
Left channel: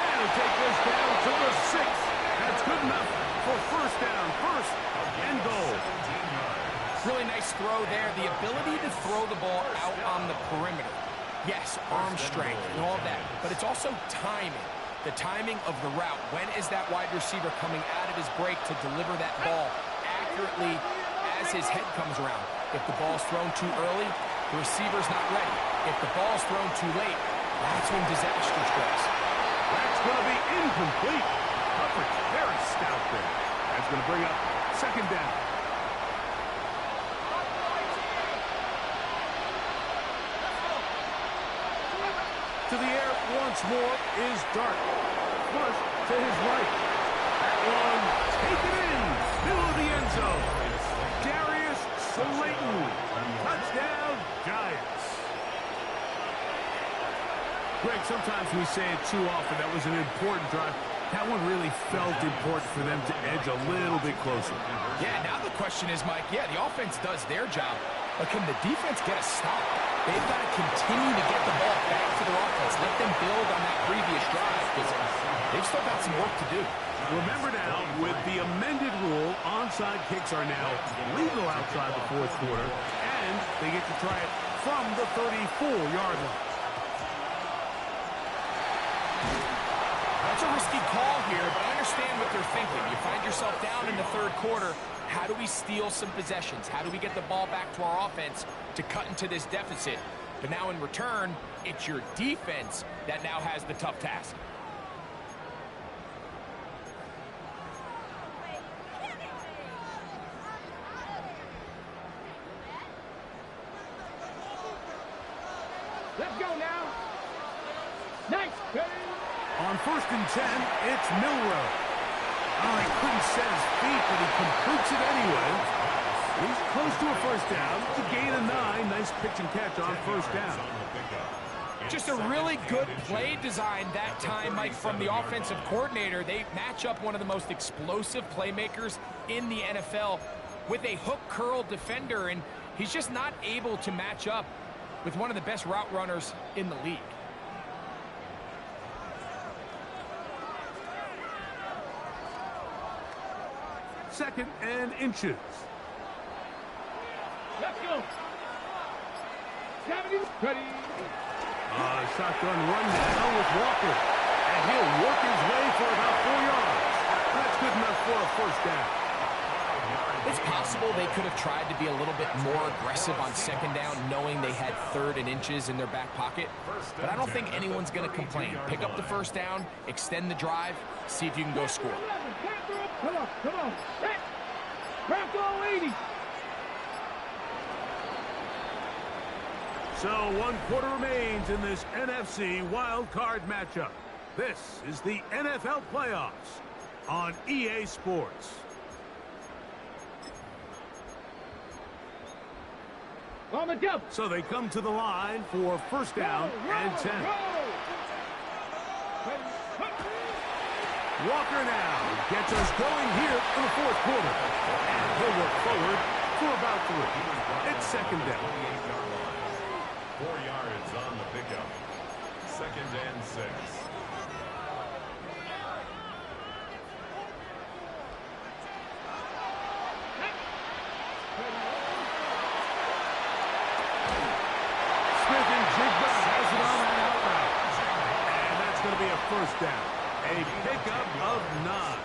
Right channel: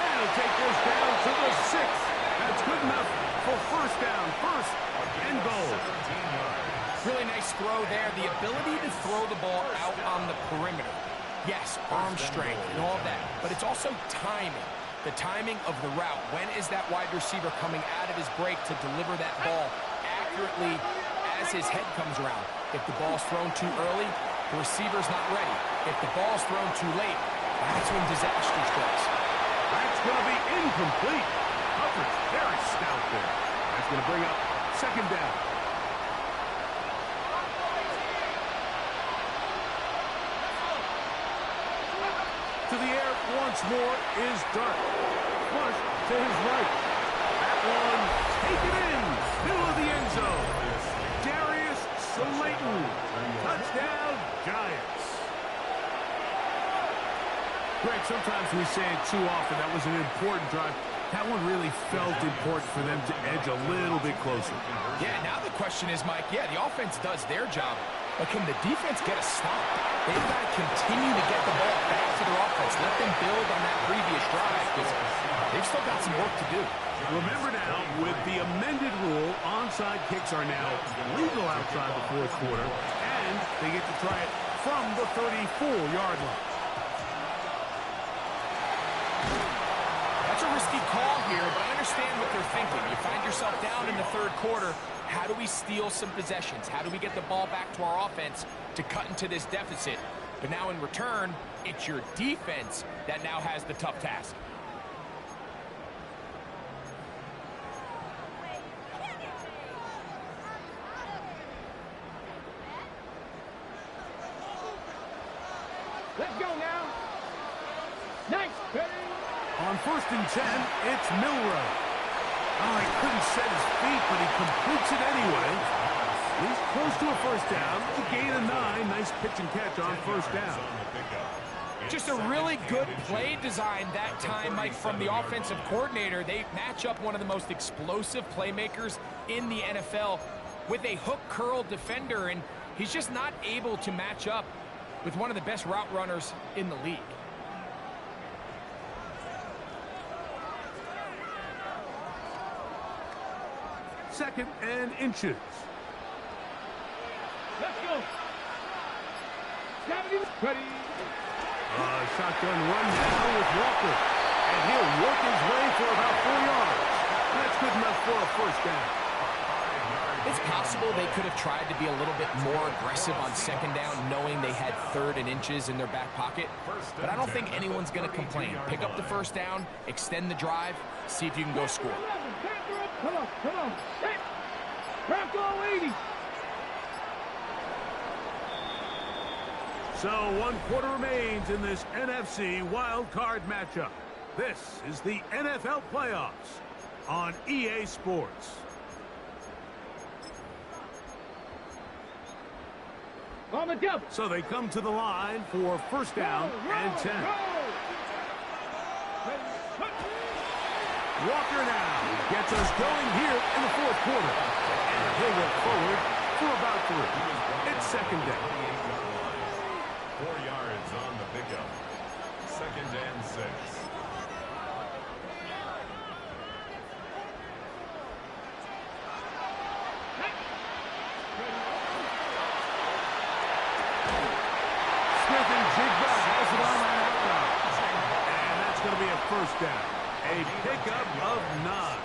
And he'll take this down to the 6th. That's good enough for 1st down, 1st and goal. 17 yards. Really nice throw there. The ability to throw the ball out on the perimeter. Yes, arm strength and all that, but it's also timing. The timing of the route. When is that wide receiver coming out of his break to deliver that ball accurately as his head comes around? If the ball's thrown too early, the receiver's not ready. If the ball's thrown too late, that's when disaster strikes. That's going to be incomplete. Coverage very stout there. That's going to bring up 2nd down. To the air once more is Dart. Flush to his right. That one taken in. Middle of the end zone. Darius Slayton. Touchdown, Giants. Greg, sometimes we say it too often. That was an important drive. That one really felt important for them to edge a little bit closer. Yeah, now the question is, Mike, yeah, the offense does their job, but can the defense get a stop? They've got to continue to get the ball back to their offense. Let them build on that previous drive because they've still got some work to do. Remember now, with the amended rule, onside kicks are now legal outside the fourth quarter, and they get to try it from the 34-yard line. That's a risky call here, but I understand what they're thinking. You find yourself down in the third quarter. How do we steal some possessions? How do we get the ball back to our offense to cut into this deficit? But now in return, it's your defense that now has the tough task. Let's go now. Nice. Ready? On 1st and 10, it's Milrow. Oh, he couldn't set his feet, but he completes it anyway. He's close to a first down. It's a gain of 9. Nice pitch and catch on first down. Just a really good play design that time, Mike, from the offensive coordinator. They match up one of the most explosive playmakers in the NFL with a hook curl defender, and he's just not able to match up with one of the best route runners in the league. Second and inches. Let's go. 70. Ready. Shotgun run now with Walker. And he'll work his way for about 4 yards. That's good enough for a first down. It's possible they could have tried to be a little bit more aggressive on second down, knowing they had 3rd and inches in their back pocket. But I don't think anyone's going to complain. Pick up the first down, extend the drive, see if you can go score. Come on, come on. Set. Bronco 80. So 1 quarter remains in this NFC wild card matchup. This is the NFL playoffs on EA Sports. On the double. So they come to the line for first down and 10. Walker now gets us going here in the fourth quarter. And he'll work forward for about 3. It's second down. 4 yards on the pickup. 2nd and 6. Smith and Jigba has it on that out route. And that's going to be a first down. A pickup of 9.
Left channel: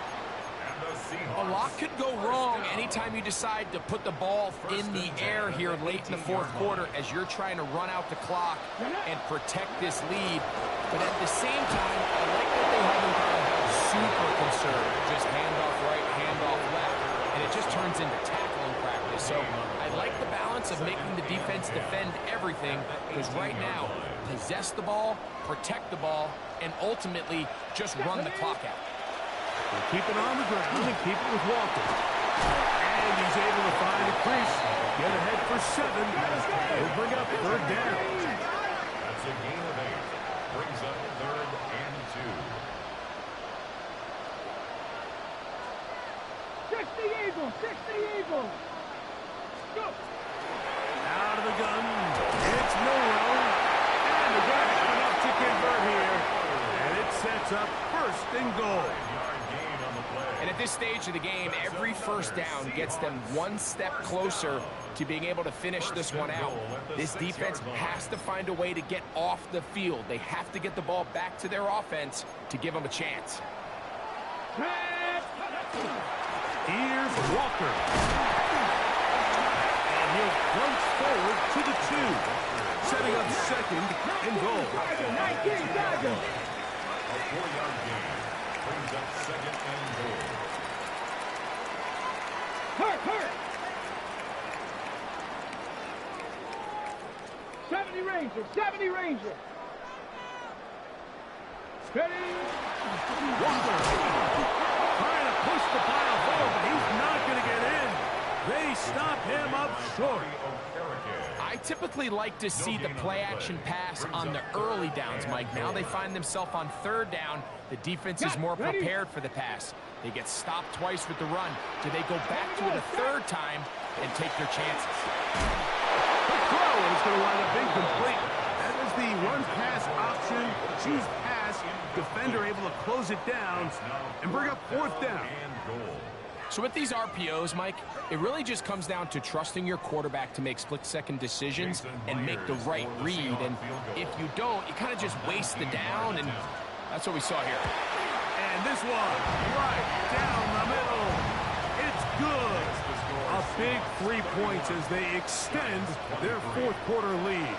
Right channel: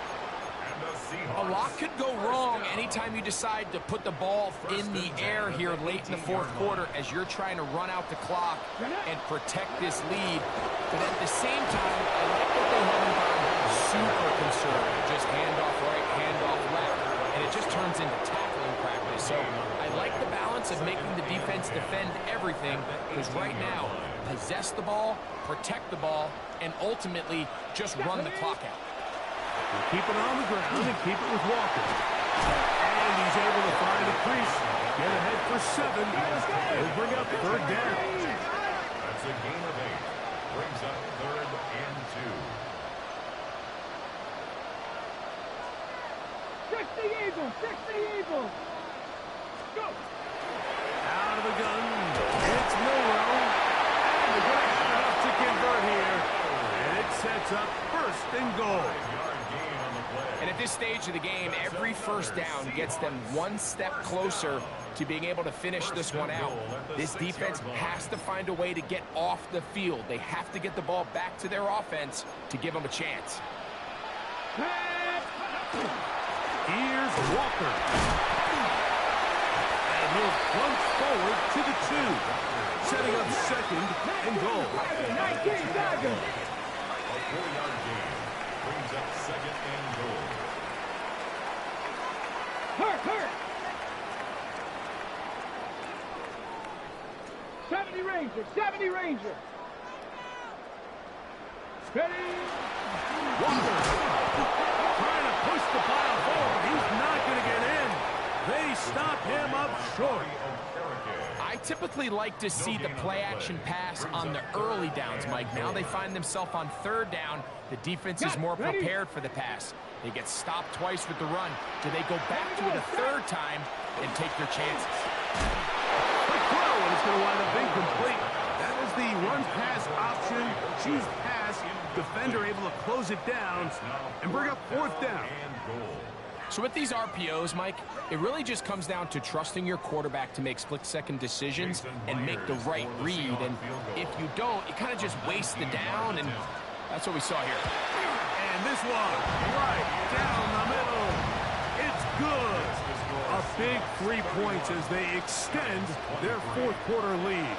A lot could go wrong anytime you decide to put the ball in the air here late in the fourth quarter as you're trying to run out the clock and protect this lead. But at the same time, I like that they haven't gone super conservative. Just handoff right, handoff left, and it just turns into tackling practice. So I like the balance of making the defense defend everything, because right now, possess the ball, protect the ball, and ultimately just run the clock out. We'll keep it on the ground and keep it with Walker. And he's able to find a crease. Get ahead for 7. He'll bring up 3rd down. That's a gain of 8. Brings up 3rd and 2. 60 Eagles. 60 Eagles. Go. Out of the gun. It's Milrow. And they're going to have enough to convert here. And it sets up 1st and goal. And at this stage of the game, every first down gets them 1 step closer to being able to finish this one out. This defense has to find a way to get off the field. They have to get the ball back to their offense to give them a chance. Here's Walker. And he'll plunge forward to the 2. Setting up 2nd and goal. 19 Dodgers. A 4-yard gain. Brings up 2nd and goal. Hurt. 70 Ranger. 70 Ranger. Ready. Walker trying to push the pile forward, but he's not going to get in. They stop him up short. I typically like to see the play-action pass on the early downs, Mike. Now they find themselves on third down. The defense is more prepared for the pass. They get stopped twice with the run. Do they go back to it a third time and take their chances? Quick throw, and it's going to wind up incomplete. That is the run-pass option. Choose pass. Defender able to close it down and bring up fourth down. So with these RPOs, Mike, it really just comes down to trusting your quarterback to make split-second decisions and make the right read. And if you don't, you kind of just waste the down, and that's what we saw here. And this one, right down the middle. It's good. A big 3 points as they extend their fourth quarter lead.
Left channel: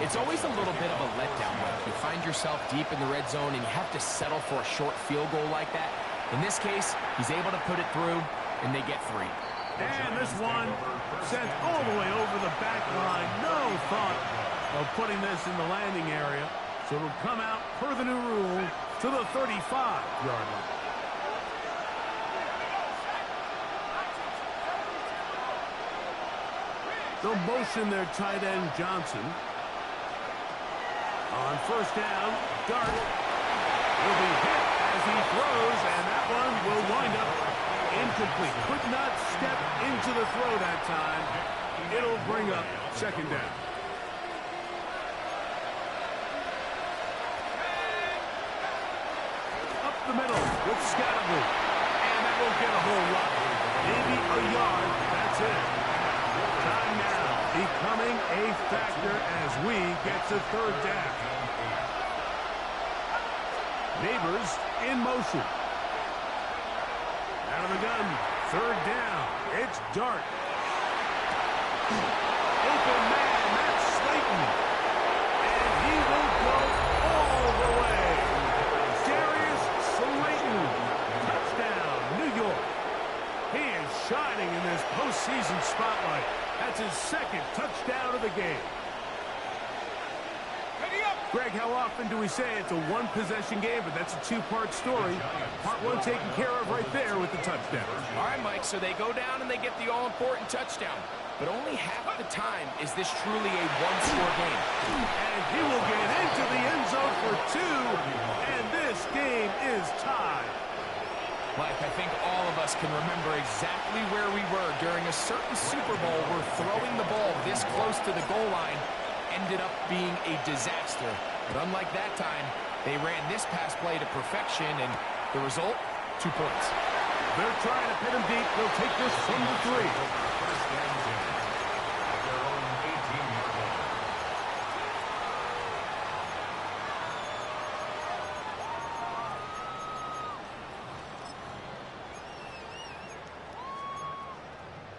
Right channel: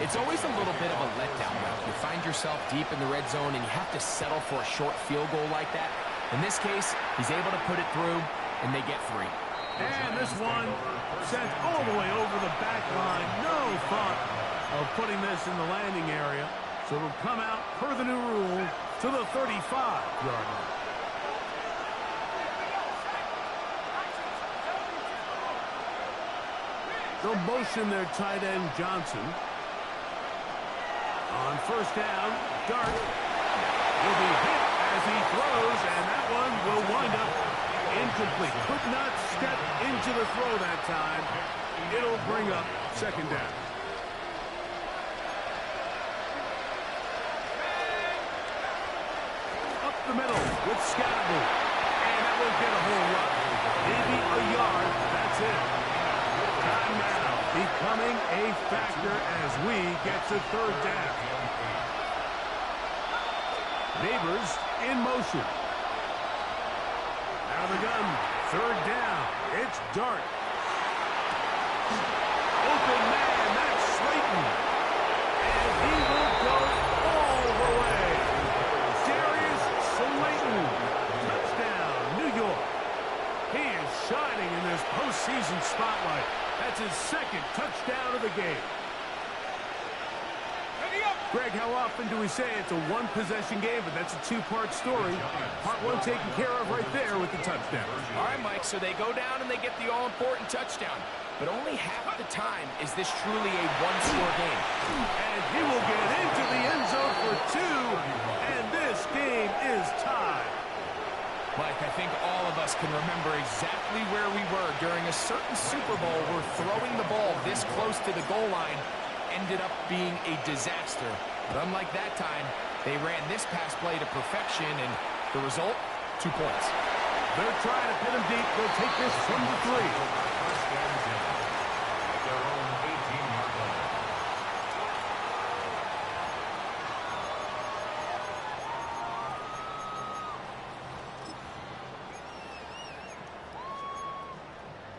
It's always a little bit of a letdown, Mike. You find yourself deep in the red zone, and you have to settle for a short field goal like that. In this case, he's able to put it through, and they get 3. And this one sent all the way over the back line. No thought of putting this in the landing area. So it'll come out, per the new rule, to the 35-yard line. They'll motion their tight end, Johnson. On first down, Dart will be hit as he throws, and that one will wind up incomplete. Could not step into the throw that time. It'll bring up second down. Up the middle with Scatterboot. And that won't get a whole lot. Maybe a yard. That's it. Time now becoming a factor as we get to third down. Neighbors in motion. Out of the gun. Third down. It's Dart. Open man. That's Slayton. And he will go all the way. Darius Slayton. Touchdown, New York. He is shining in this postseason spotlight. That's his second touchdown of the game. Greg, how often do we say it's a one-possession game, but that's a two-part story? Part one taken care of right there with the touchdown. All right, Mike, so they go down and they get the all-important touchdown. But only half the time is this truly a one-score game. And he will get into the end zone for 2, and this game is tied. Mike, I think all of us can remember exactly where we were during a certain Super Bowl where throwing the ball this close to the goal line ended up being a disaster. But unlike that time, they ran this pass play to perfection, and the result, 2 points. They're trying to pin him deep. They'll take this from the 3. First and 10 at their own 18-yard line.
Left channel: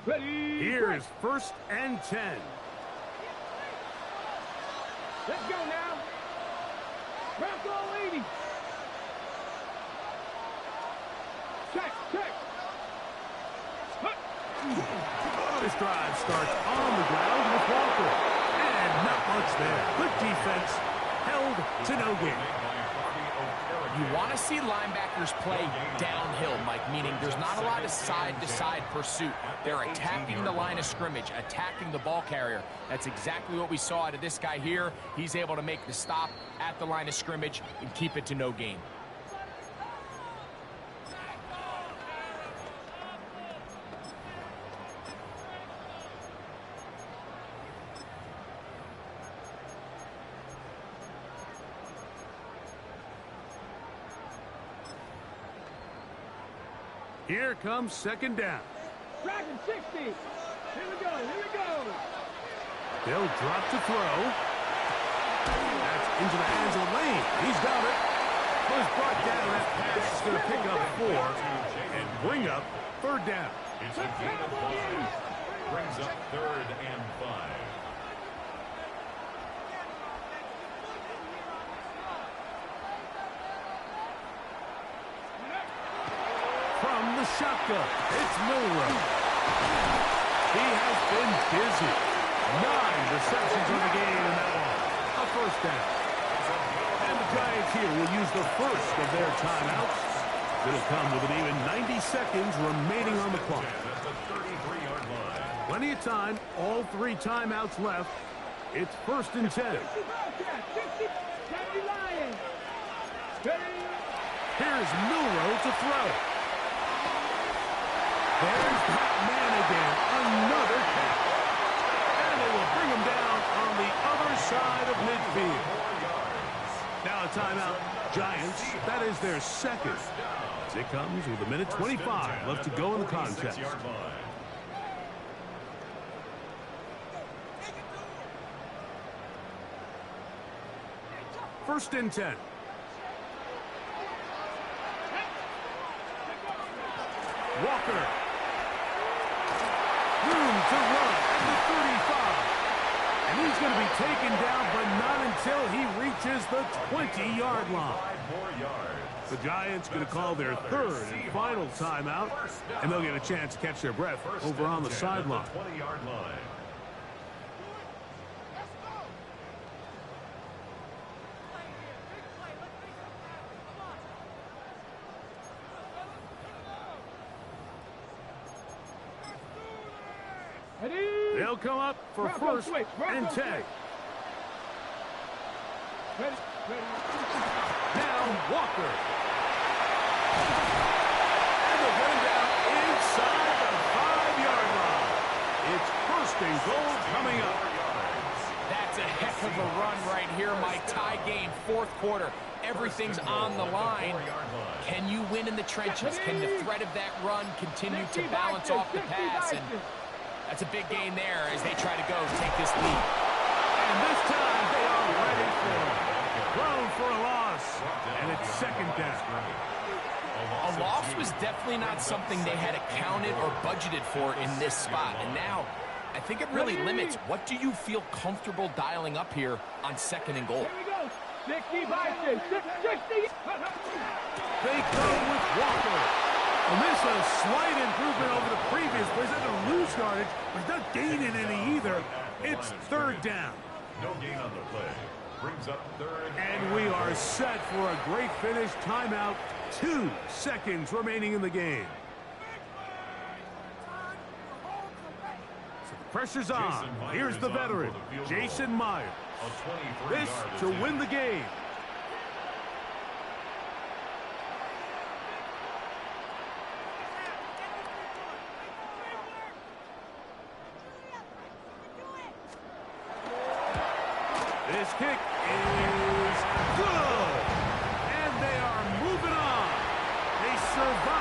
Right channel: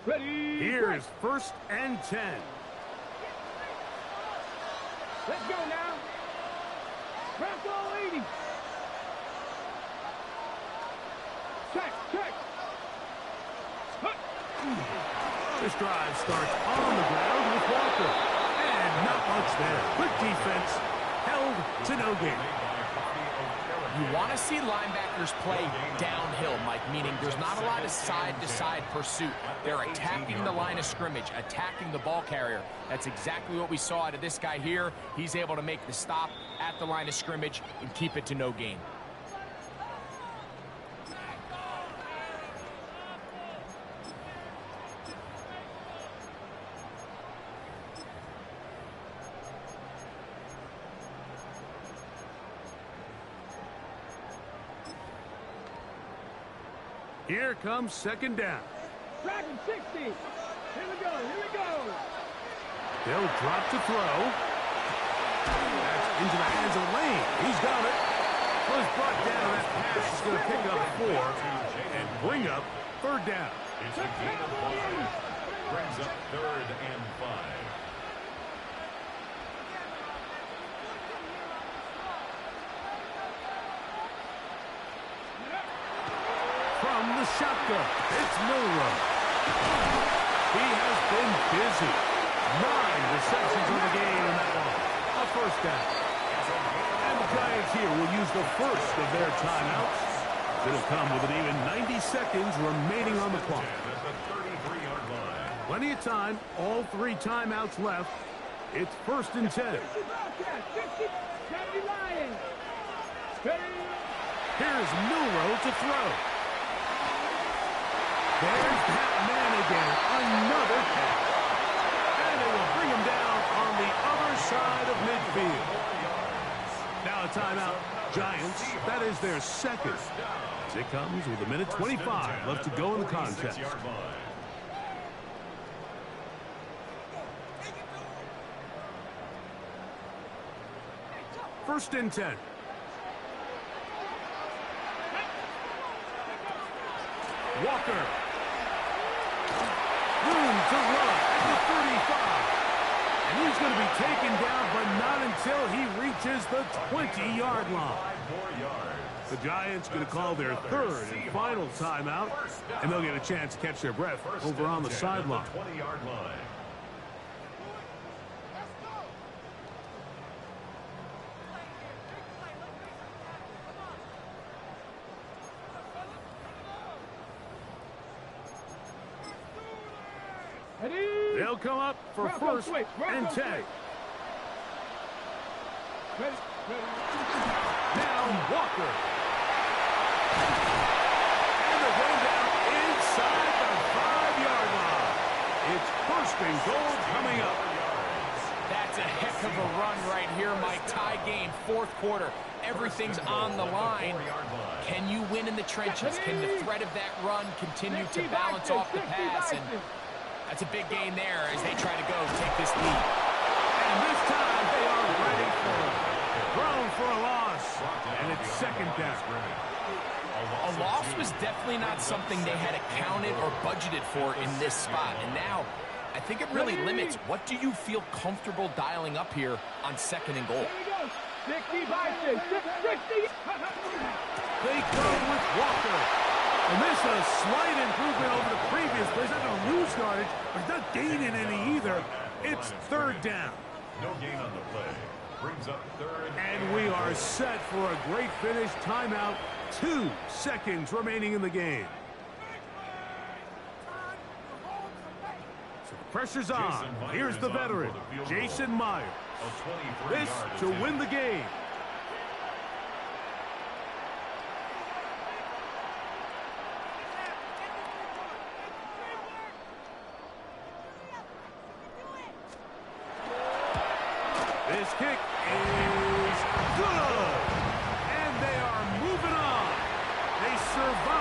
Ready. Here's first and 10. Let's go now. Back all 80. Check. This drive starts on the ground with Walker. And not much there. Good defense. Held to no gain. You want to see linebackers play downhill, Mike, meaning there's not a lot of side-to-side pursuit. They're attacking the line of scrimmage, attacking the ball carrier. That's exactly what we saw out of this guy here. He's able to make the stop at the line of scrimmage and keep it to no gain. Here comes second down. Dragon 60. Here we go. They'll drop to throw. That's into the hands of Lane. He's got it. Was brought down. That pass is going to pick up 4 and bring up third down. It's a gain of 5. Brings up third and 5. From the shotgun, it's Milrow. He has been busy. 9 receptions on the game in that one. A first down. And the Giants here will use the first of their timeouts. It'll come with an even 90 seconds remaining on the clock. the 33-yard line. Plenty of time. All 3 timeouts left. It's 1st and 10. 60 Bobcats, 60, 70 Lions. Ready? Here's Milrow to throw. There's that man again. Another catch. And they will bring him down on the other side of midfield. Now a timeout. Giants. That is their second. As it comes with 1:25 left to go in the contest. 46-yard line. First and 10. Walker. Room to run at the 35. And he's going to be taken down, but not until he reaches the 20-yard line. 5 more yards. The Giants going to call their third and final timeout, and they'll get a chance to catch their breath over on the sideline. 20-yard line. Ready? They'll come up for Bronco first switch, Bronco and 10. switch. Ready? Now Walker. And they'll get him down inside the 5-yard line. It's 1st and goal coming up. That's a heck of a run right here, Mike. Tie game, 4th quarter. Everything's on the line. Can you win in the trenches? Can the threat of that run continue to balance off the pass? And that's a big gain there as they try to go take this lead. And this time they are ready for it. Thrown for a loss. And it's 2nd down. A loss was definitely not something they had accounted or budgeted for in this spot. And now, I think it really limits. What do you feel comfortable dialing up here on 2nd and goal? Here we go. 60 Vikings. 60. They come with Walker. And this is a slight improvement over the previous play. He's not going to lose yardage, but he's not gaining any either. It's 3rd down. No gain on the play. Brings up 3rd. And we are set for a great finish. Timeout. 2 seconds remaining in the game. So the pressure's on. Here's the veteran, Jason Myers. This to win the game. This kick is good. And they are moving on. They survive.